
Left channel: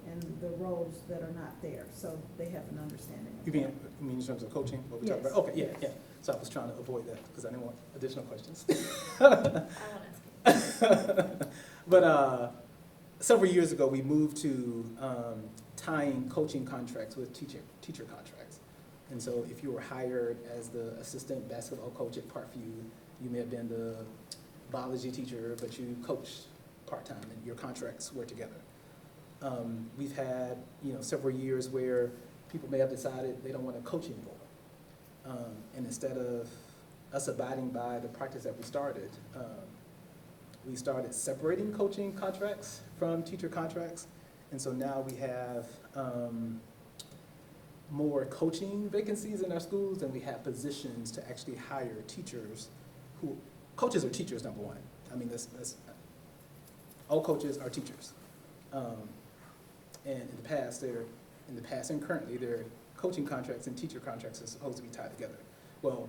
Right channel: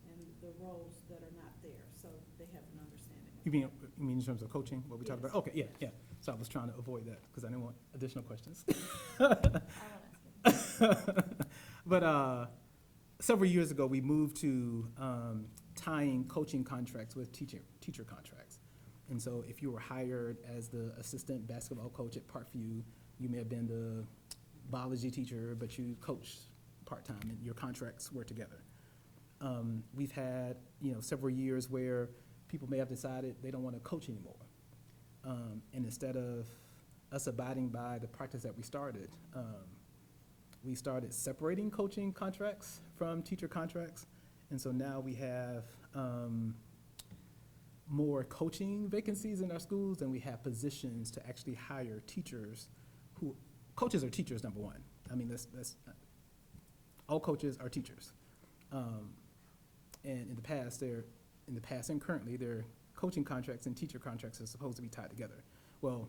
and the roles that are not there, so they have an understanding. You mean in terms of coaching, what we talked about? Okay, yeah. So I was trying to avoid that because I didn't want additional questions. But several years ago, we moved to tying coaching contracts with teacher contracts. And so if you were hired as the assistant basketball coach at Parkview, you may have been the biology teacher, but you coached part-time and your contracts were together. We've had several years where people may have decided they don't want to coach anymore. And instead of us abiding by the practice that we started separating coaching contracts from teacher contracts. And so now we have more coaching vacancies in our schools than we have positions to actually hire teachers who, coaches are teachers, number one. I mean, all coaches are teachers. And in the past and currently, their coaching contracts and teacher contracts are supposed to be tied together. Well,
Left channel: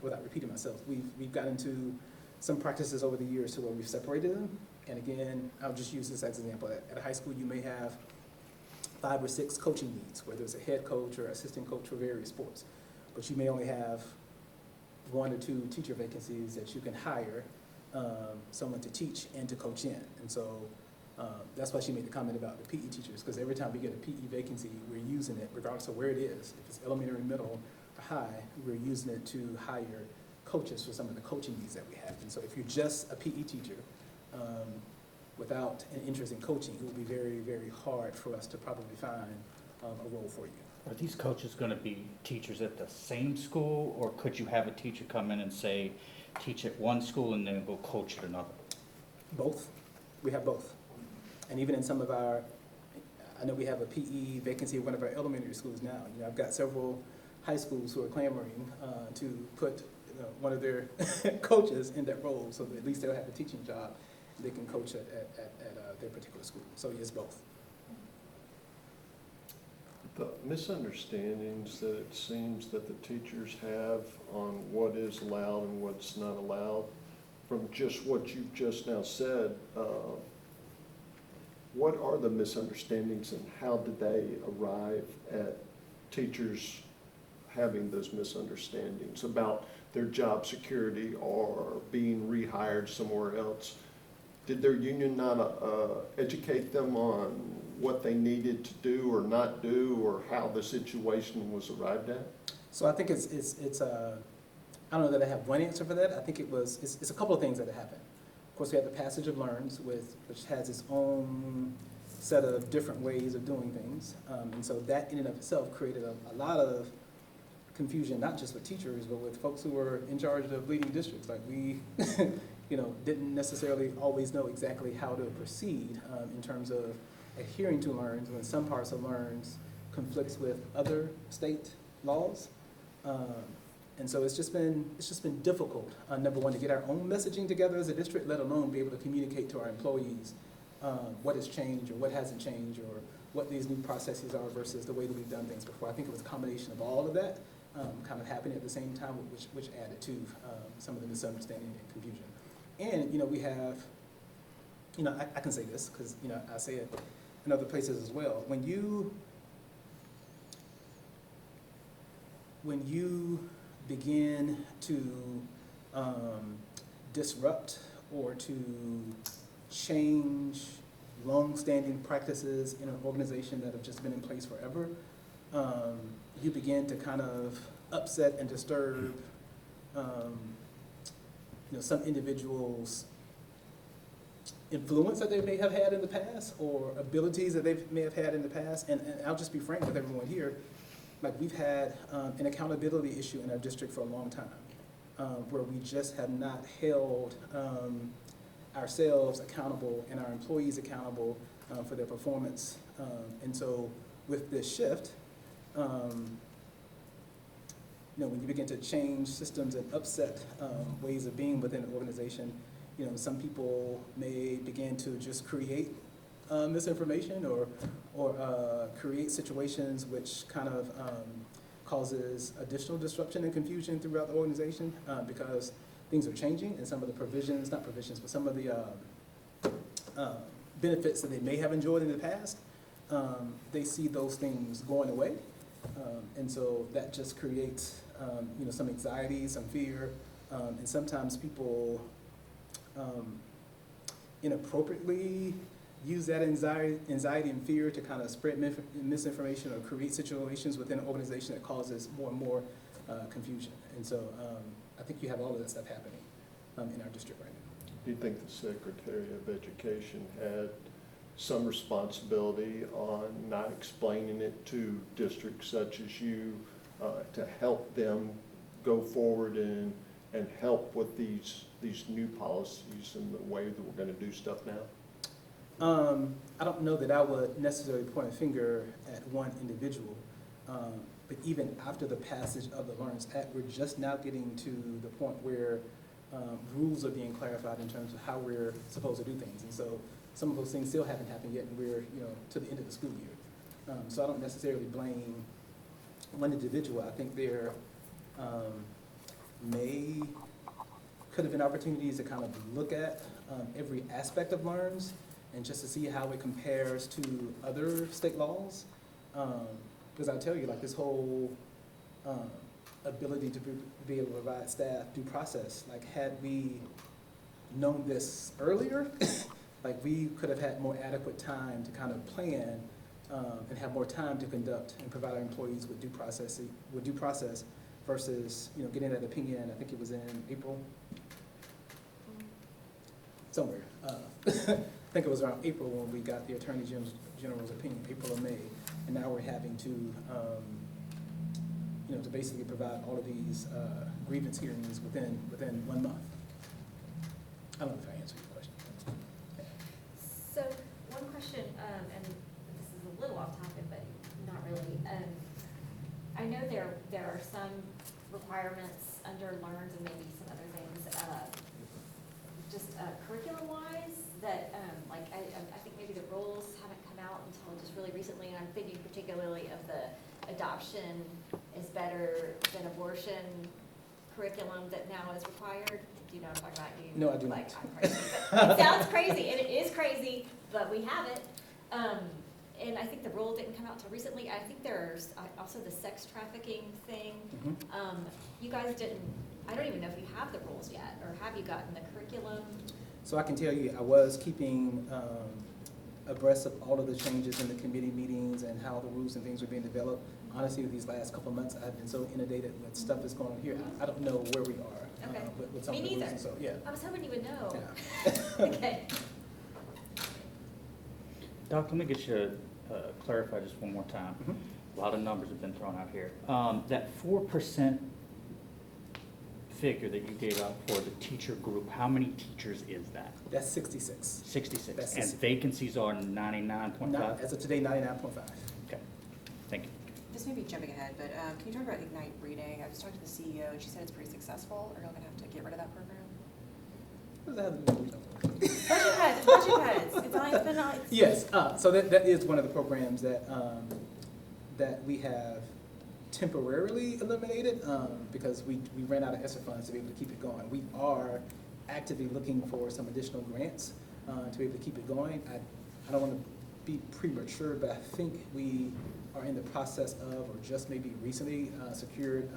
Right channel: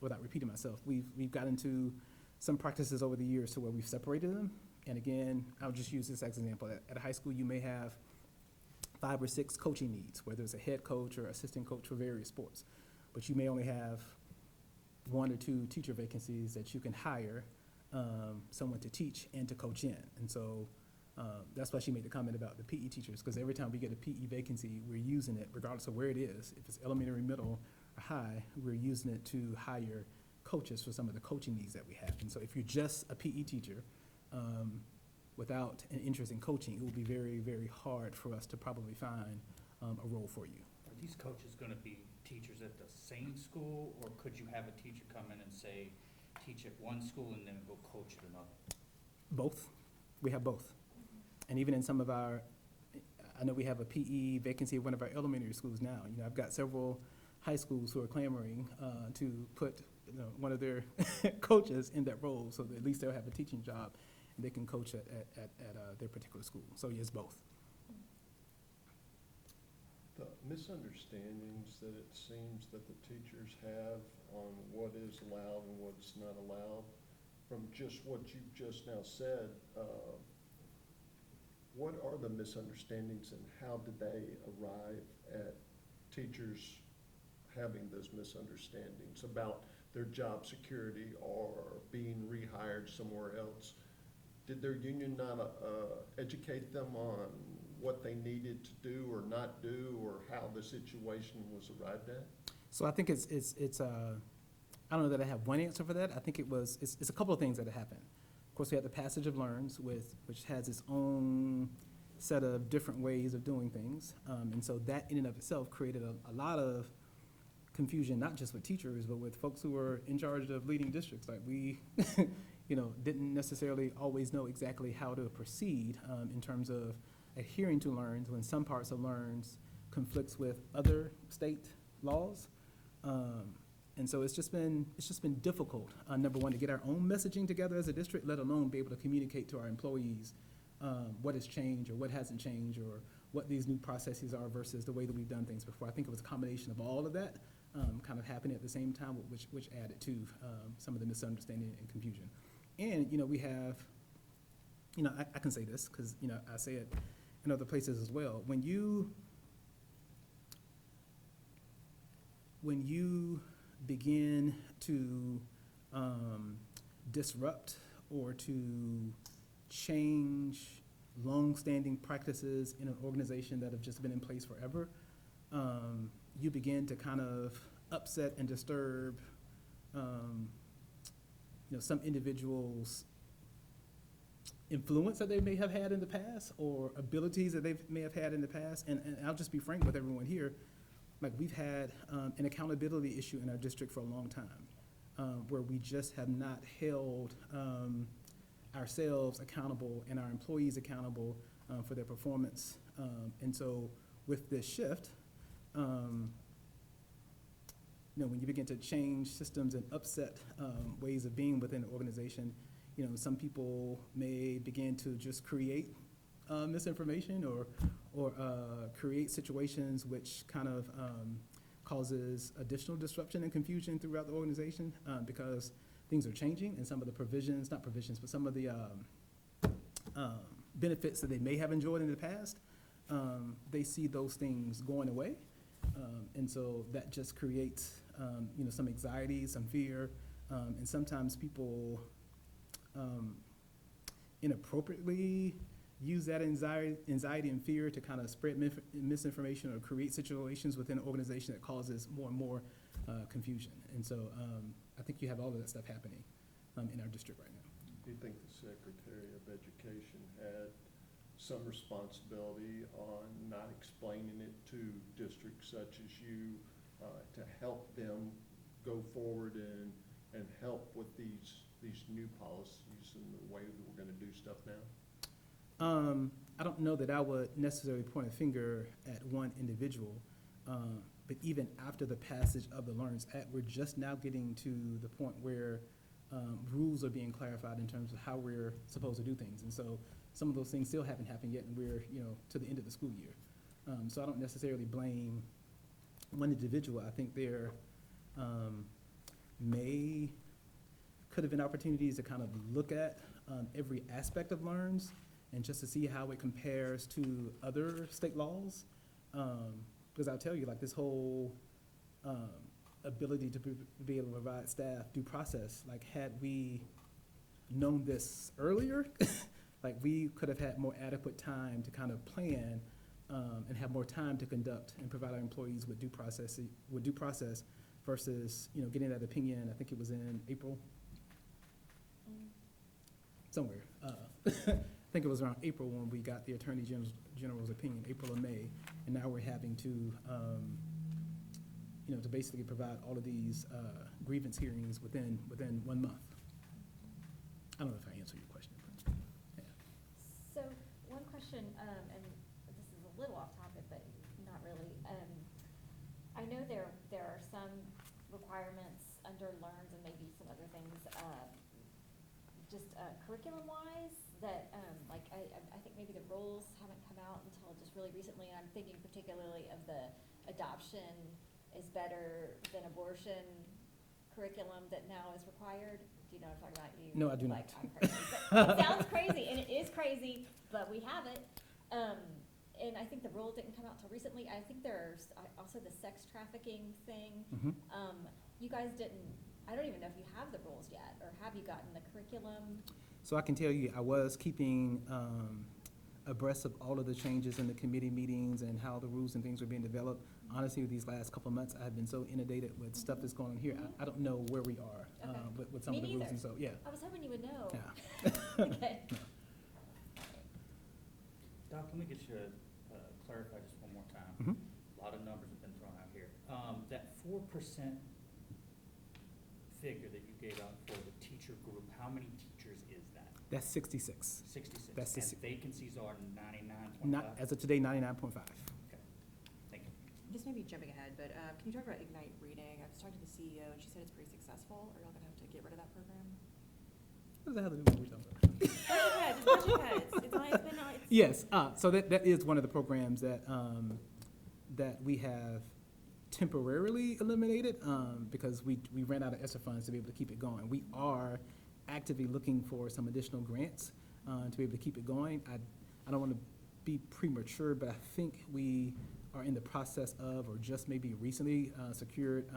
without repeating myself, we've got into some practices over the years to where we've separated them. And again, I'll just use this as an example. At a high school, you may have 5 or 6 coaching needs, whether it's a head coach or assistant coach for various sports. But you may only have 1 or 2 teacher vacancies that you can hire someone to teach and to coach in. And so that's why she made the comment about the PE teachers, because every time we get a PE vacancy, we're using it regardless of where it is. If it's elementary, middle, or high, we're using it to hire coaches for some of the coaching needs that we have. And so if you're just a PE teacher without an interest in coaching, it would be very, very hard for us to probably find a role for you. Are these coaches gonna be teachers at the same school, or could you have a teacher come in and say, teach at one school and then go coach at another? Both. We have both. And even in some of our, I know we have a PE vacancy at one of our elementary schools now. You know, I've got several high schools who are clamoring to put one of their coaches in that role, so that at least they'll have a teaching job and they can coach at their particular school. So yes, both. The misunderstandings that it seems that the teachers have on what is allowed and what's not allowed, from just what you've just now said, what are the misunderstandings and how did they arrive at teachers having those misunderstandings about their job security or being rehired somewhere else? Did their union not educate them on what they needed to do or not do, or how the situation was arrived at? So I think it's I don't know that I have one answer for that. I think it's a couple of things that have happened. Of course, we have the passage of LRNs, which has its own set of different ways of doing things. And so that in and of itself created a lot of confusion, not just with teachers, but with folks who were in charge of leading districts. Like we, didn't necessarily always know exactly how to proceed in terms of adhering to LRNs when some parts of LRNs conflicts with other state laws. And so it's just been difficult, number one, to get our own messaging together as a district, let alone be able to communicate to our employees what has changed or what hasn't changed or what these new processes are versus the way that we've done things before. I think it was a combination of all of that kind of happening at the same time, which added to some of the misunderstanding and confusion. And, we have, I can say this because, I say it in other places as well. When you begin to disrupt or to change long-standing practices in an organization that have just been in place forever, you begin to kind of upset and disturb some individuals' influence that they may have had in the past or abilities that they may have had in the past. And I'll just be frank with everyone here. Like we've had an accountability issue in our district for a long time, where we just have not held ourselves accountable and our employees accountable for their performance. And so with this shift, when you begin to change systems and upset ways of being within an organization, some people may begin to just create misinformation or create situations which kind of causes additional disruption and confusion throughout the organization because things are changing and some of the provisions, not provisions, but some of the benefits that they may have enjoyed in the past, they see those things going away. And so that just creates some anxiety, some fear, and sometimes people inappropriately use that anxiety and fear to kind of spread misinformation or create situations within an organization that causes more and more confusion. And so I think you have all of that stuff happening in our district right now. Do you think the Secretary of Education had some responsibility on not explaining it to districts such as you to help them go forward and help with these new policies and the way that we're going to do stuff now? I don't know that I would necessarily point a finger at one individual, but even after the passage of the Learns Act, we're just now getting to the point where rules are being clarified in terms of how we're supposed to do things. And so some of those things still haven't happened yet, and we're, to the end of the school year. So I don't necessarily blame one individual. I think there could have been opportunities to kind of look at every aspect of Learns and just to see how it compares to other state laws. Because I'll tell you, like, this whole ability to be able to provide staff due process, like, had we known this earlier, like, we could have had more adequate time to kind of plan and have more time to conduct and provide our employees with due process versus, getting that opinion. I think it was in April, somewhere. I think it was around April when we got the Attorney General's opinion, April or May, and now we're having to, to basically provide all of these grievance hearings within 1 month. I don't know if I answered your question. Yeah. So, one question, and this is a little off topic, but not really. I know there are some requirements under Learns and maybe some other things, just curriculum-wise, that, I think maybe the rules haven't come out until just really recently, and I'm thinking particularly of the adoption is better than abortion curriculum that now is required. Do you know what I'm talking about? No, I do not. I'm crazy. But it sounds crazy, and it is crazy, but we have it. And I think the rule didn't come out till recently. I think there's also the sex trafficking thing. Mm-hmm. You guys didn't, I don't even know if you have the rules yet, or have you gotten the curriculum? So I can tell you, I was keeping abreast of all of the changes in the committee meetings and how the rules and things were being developed. Honestly, these last couple of months, I've been so inundated with stuff that's going on here. I don't know where we are Okay. with some Me of the rules neither. and so, yeah. I was hoping you would know. Yeah. Okay. Doc, let me get you to clarify just one more time. Mhm. A lot of numbers have been thrown out here. That 4% figure that you gave out for the teacher group, how many teachers is that? That's 66. 66. That's And 66. vacancies are 99.5? Not, as of today, 99.5. Okay, thank you. This may be jumping ahead, but can you talk about Ignite Reading? I was talking to the CEO, and she said it's pretty successful. Are y'all gonna have to get rid of that program? What does that have to do with Budget cuts. It's been on. Yes, so that is one of the programs that we have temporarily eliminated because we ran out of ESSER funds to be able to keep it going. We are actively looking for some additional grants to be able to keep it going. I don't want to be premature, but I think we are in the process of, or just maybe recently secured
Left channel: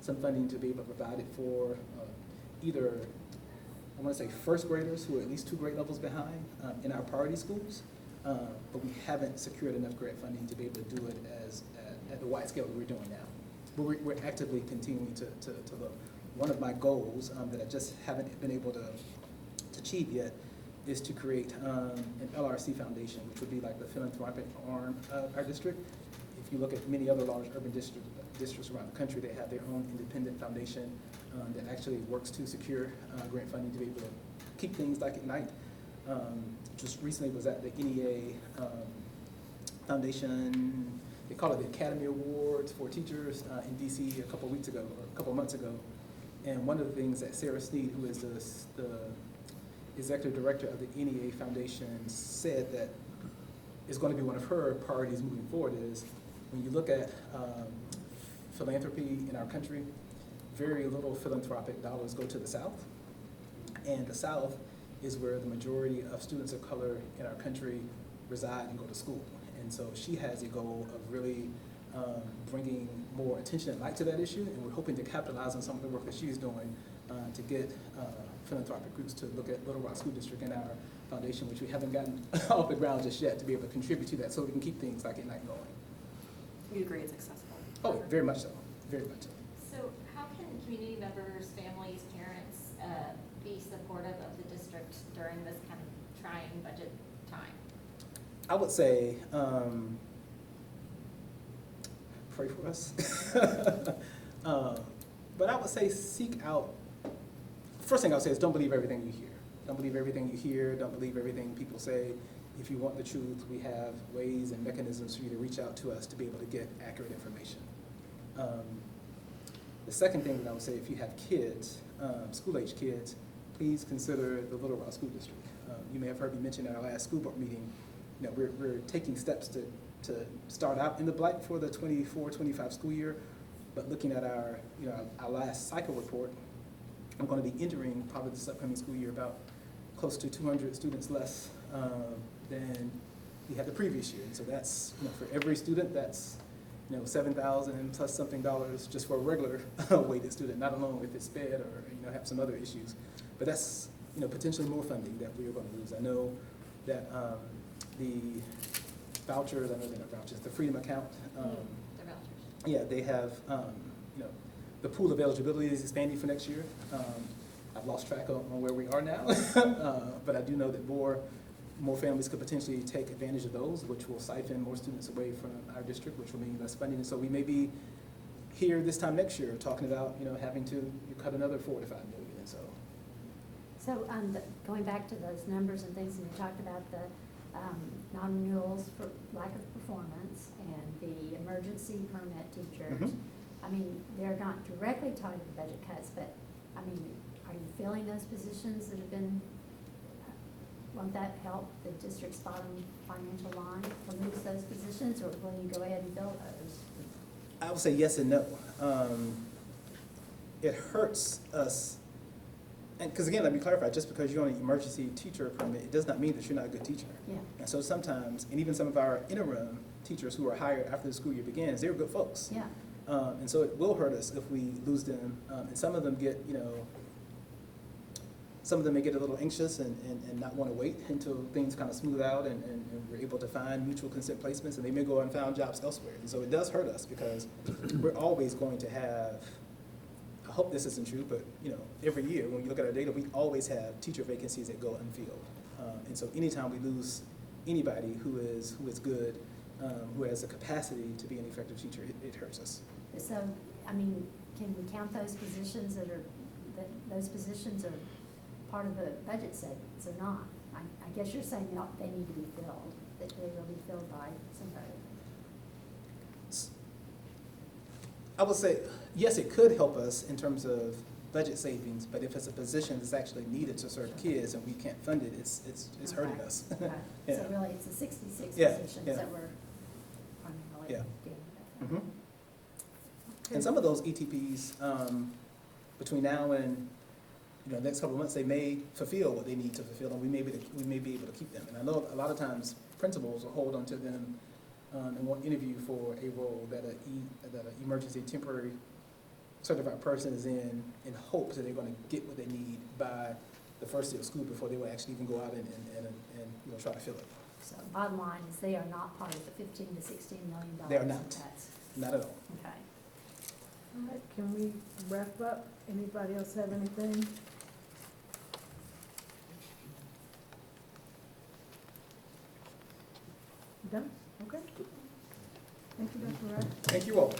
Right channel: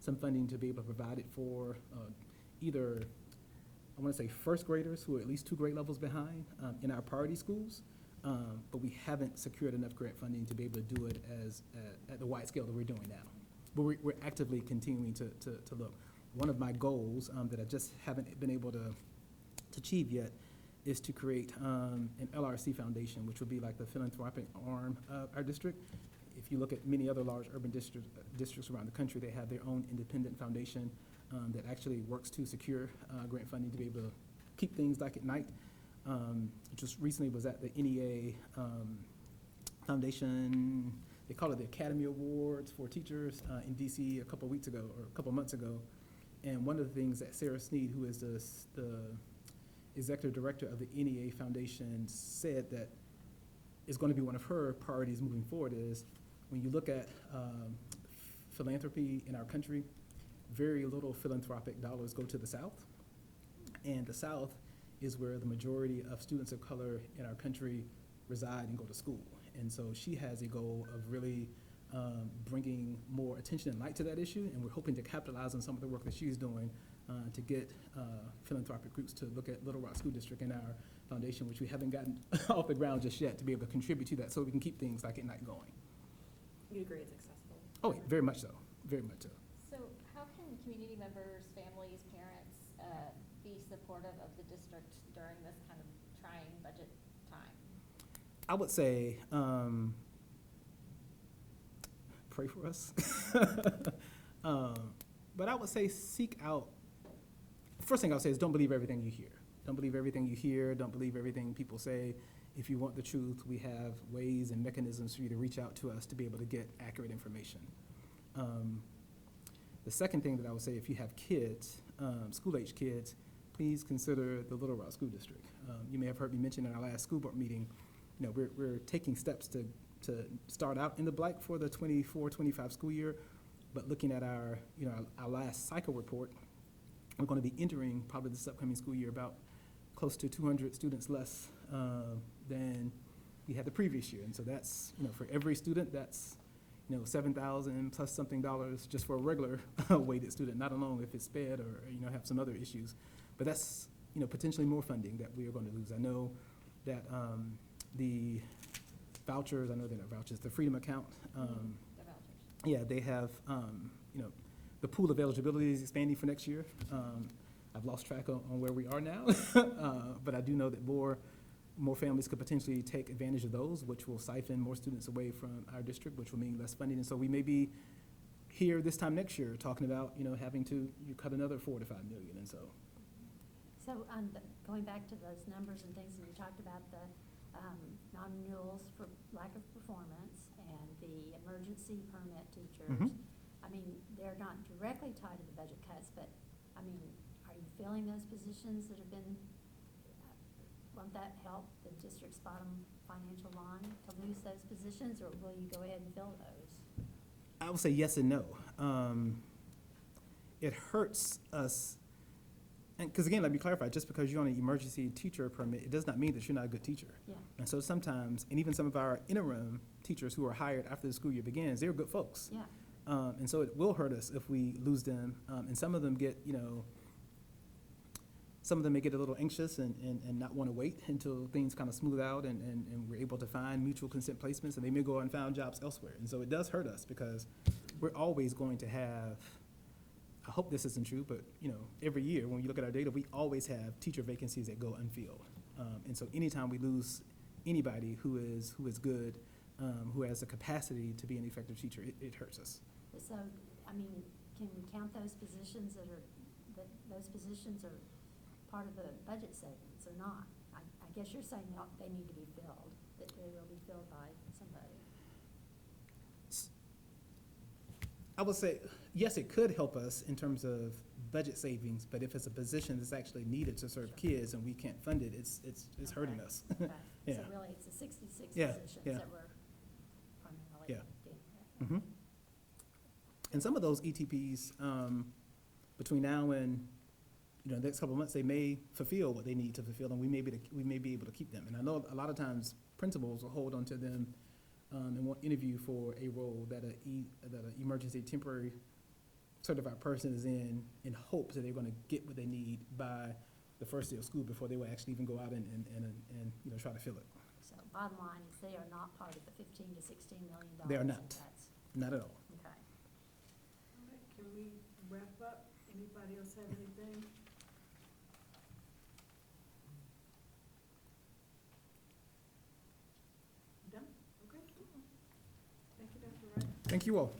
some funding to be able to provide it for either, I want to say, first graders who are at least 2 grade levels behind in our priority schools, but we haven't secured enough grant funding to be able to do it at the wide scale that we're doing now. But we're actively continuing to look. One of my goals that I just haven't been able to achieve yet is to create an LRC foundation, which would be like the philanthropic arm of our district. If you look at many other large urban districts around the country, they have their own independent foundation that actually works to secure grant funding to be able to keep things like Ignite. Just recently was at the NEA Foundation, they call it the Academy Awards for Teachers in DC a couple weeks ago, or a couple months ago. And one of the things that Sarah Sneed, who is the executive director of the NEA Foundation, said that is going to be one of her priorities moving forward is when you look at philanthropy in our country, very little philanthropic dollars go to the South. And the South is where the majority of students of color in our country reside and go to school. And so she has a goal of really bringing more attention and light to that issue, and we're hoping to capitalize on some of the work that she's doing to get philanthropic groups to look at Little Rock School District and our foundation, which we haven't gotten off the ground just yet, to be able to contribute to that so we can keep things like Ignite going. You agree it's accessible? Oh, very much so, very much so. So how can community members, families, parents be supportive of the district during this kind of trying budget time? I would say, pray for us. But I would say seek out, first thing I would say is don't believe everything you hear. Don't believe everything you hear, don't believe everything people say. if you want the truth, we have ways and mechanisms for you to reach out to us to be able to get accurate information. The second thing that I would say, if you have kids, school-age kids, please consider the Little Rock School District. You may have heard me mention in our last school board meeting, you know, we're taking steps to start out in the black for the 24-25 school year, but looking at our, you know, our last cycle report, I'm going to be entering probably this upcoming school year about close to 200 students less than we had the previous year. And so that's, you know, for every student, that's, you know, $7,000 plus something dollars just for a regular weighted student, not alone if it's sped or, you know, have some other issues. But that's, you know, potentially more funding that we are going to lose. I know that the vouchers, I know they're not vouchers, the Freedom Account, The vouchers. yeah, they have, you know, the pool of eligibility is expanding for next year. I've lost track on where we are now, but I do know that more families could potentially take advantage of those, which will siphon more students away from our district, which will mean less funding. And so we may be here this time next year talking about, you know, having to cut another $4 to $5 million. And so, Going back to those numbers and things, and you talked about the non-renewals for lack of performance and the emergency permit teachers. Mhm. I mean, they're not directly tied to the budget cuts, but, I mean, are you filling those positions that have been, won't that help the district's bottom financial line to lose those positions, or will you go ahead and fill those? I would say yes and no. It hurts us, and because again, let me clarify, just because you're on an emergency teacher permit, it does not mean that you're not a good teacher. Yeah. And so sometimes, and even some of our interim teachers who are hired after the school year begins, they're good folks. Yeah. And so it will hurt us if we lose them. And some of them get, you know, some of them may get a little anxious and not want to wait until things kind of smooth out and we're able to find mutual consent placements, and they may go and find jobs elsewhere. And so it does hurt us because we're always going to have, I hope this isn't true, but, you know, every year when you look at our data, we always have teacher vacancies that go unfilled. And so anytime we lose anybody who is good, who has the capacity to be an effective teacher, it hurts us. So, I mean, can we count those positions that those positions are part of the budget savings or not? I guess you're saying they need to be filled, that they will be filled by somebody. I would say, yes, it could help us in terms of budget savings, but if it's a position that's actually needed to serve kids and we can't fund it, it's hurting us. Okay. Yeah. So really, it's the 66 Yeah, positions yeah. that we're primarily Yeah. dealing with. Mhm. And some of those ETPs, between now and, you know, next couple of months, they may fulfill what they need to fulfill, and we may be able to keep them. And I know a lot of times principals will hold onto them and won't interview for a role that an emergency temporary certified person is in hopes that they're going to get what they need by the first day of school before they will actually even go out and you know, try to fill it. So bottom line is they are not part of the $15 to $16 million. They are not. in cuts. Not at all. Okay. All right, can we wrap up? Anybody else have anything? Done? Okay. Thank you, Dr. Wright. Thank you all.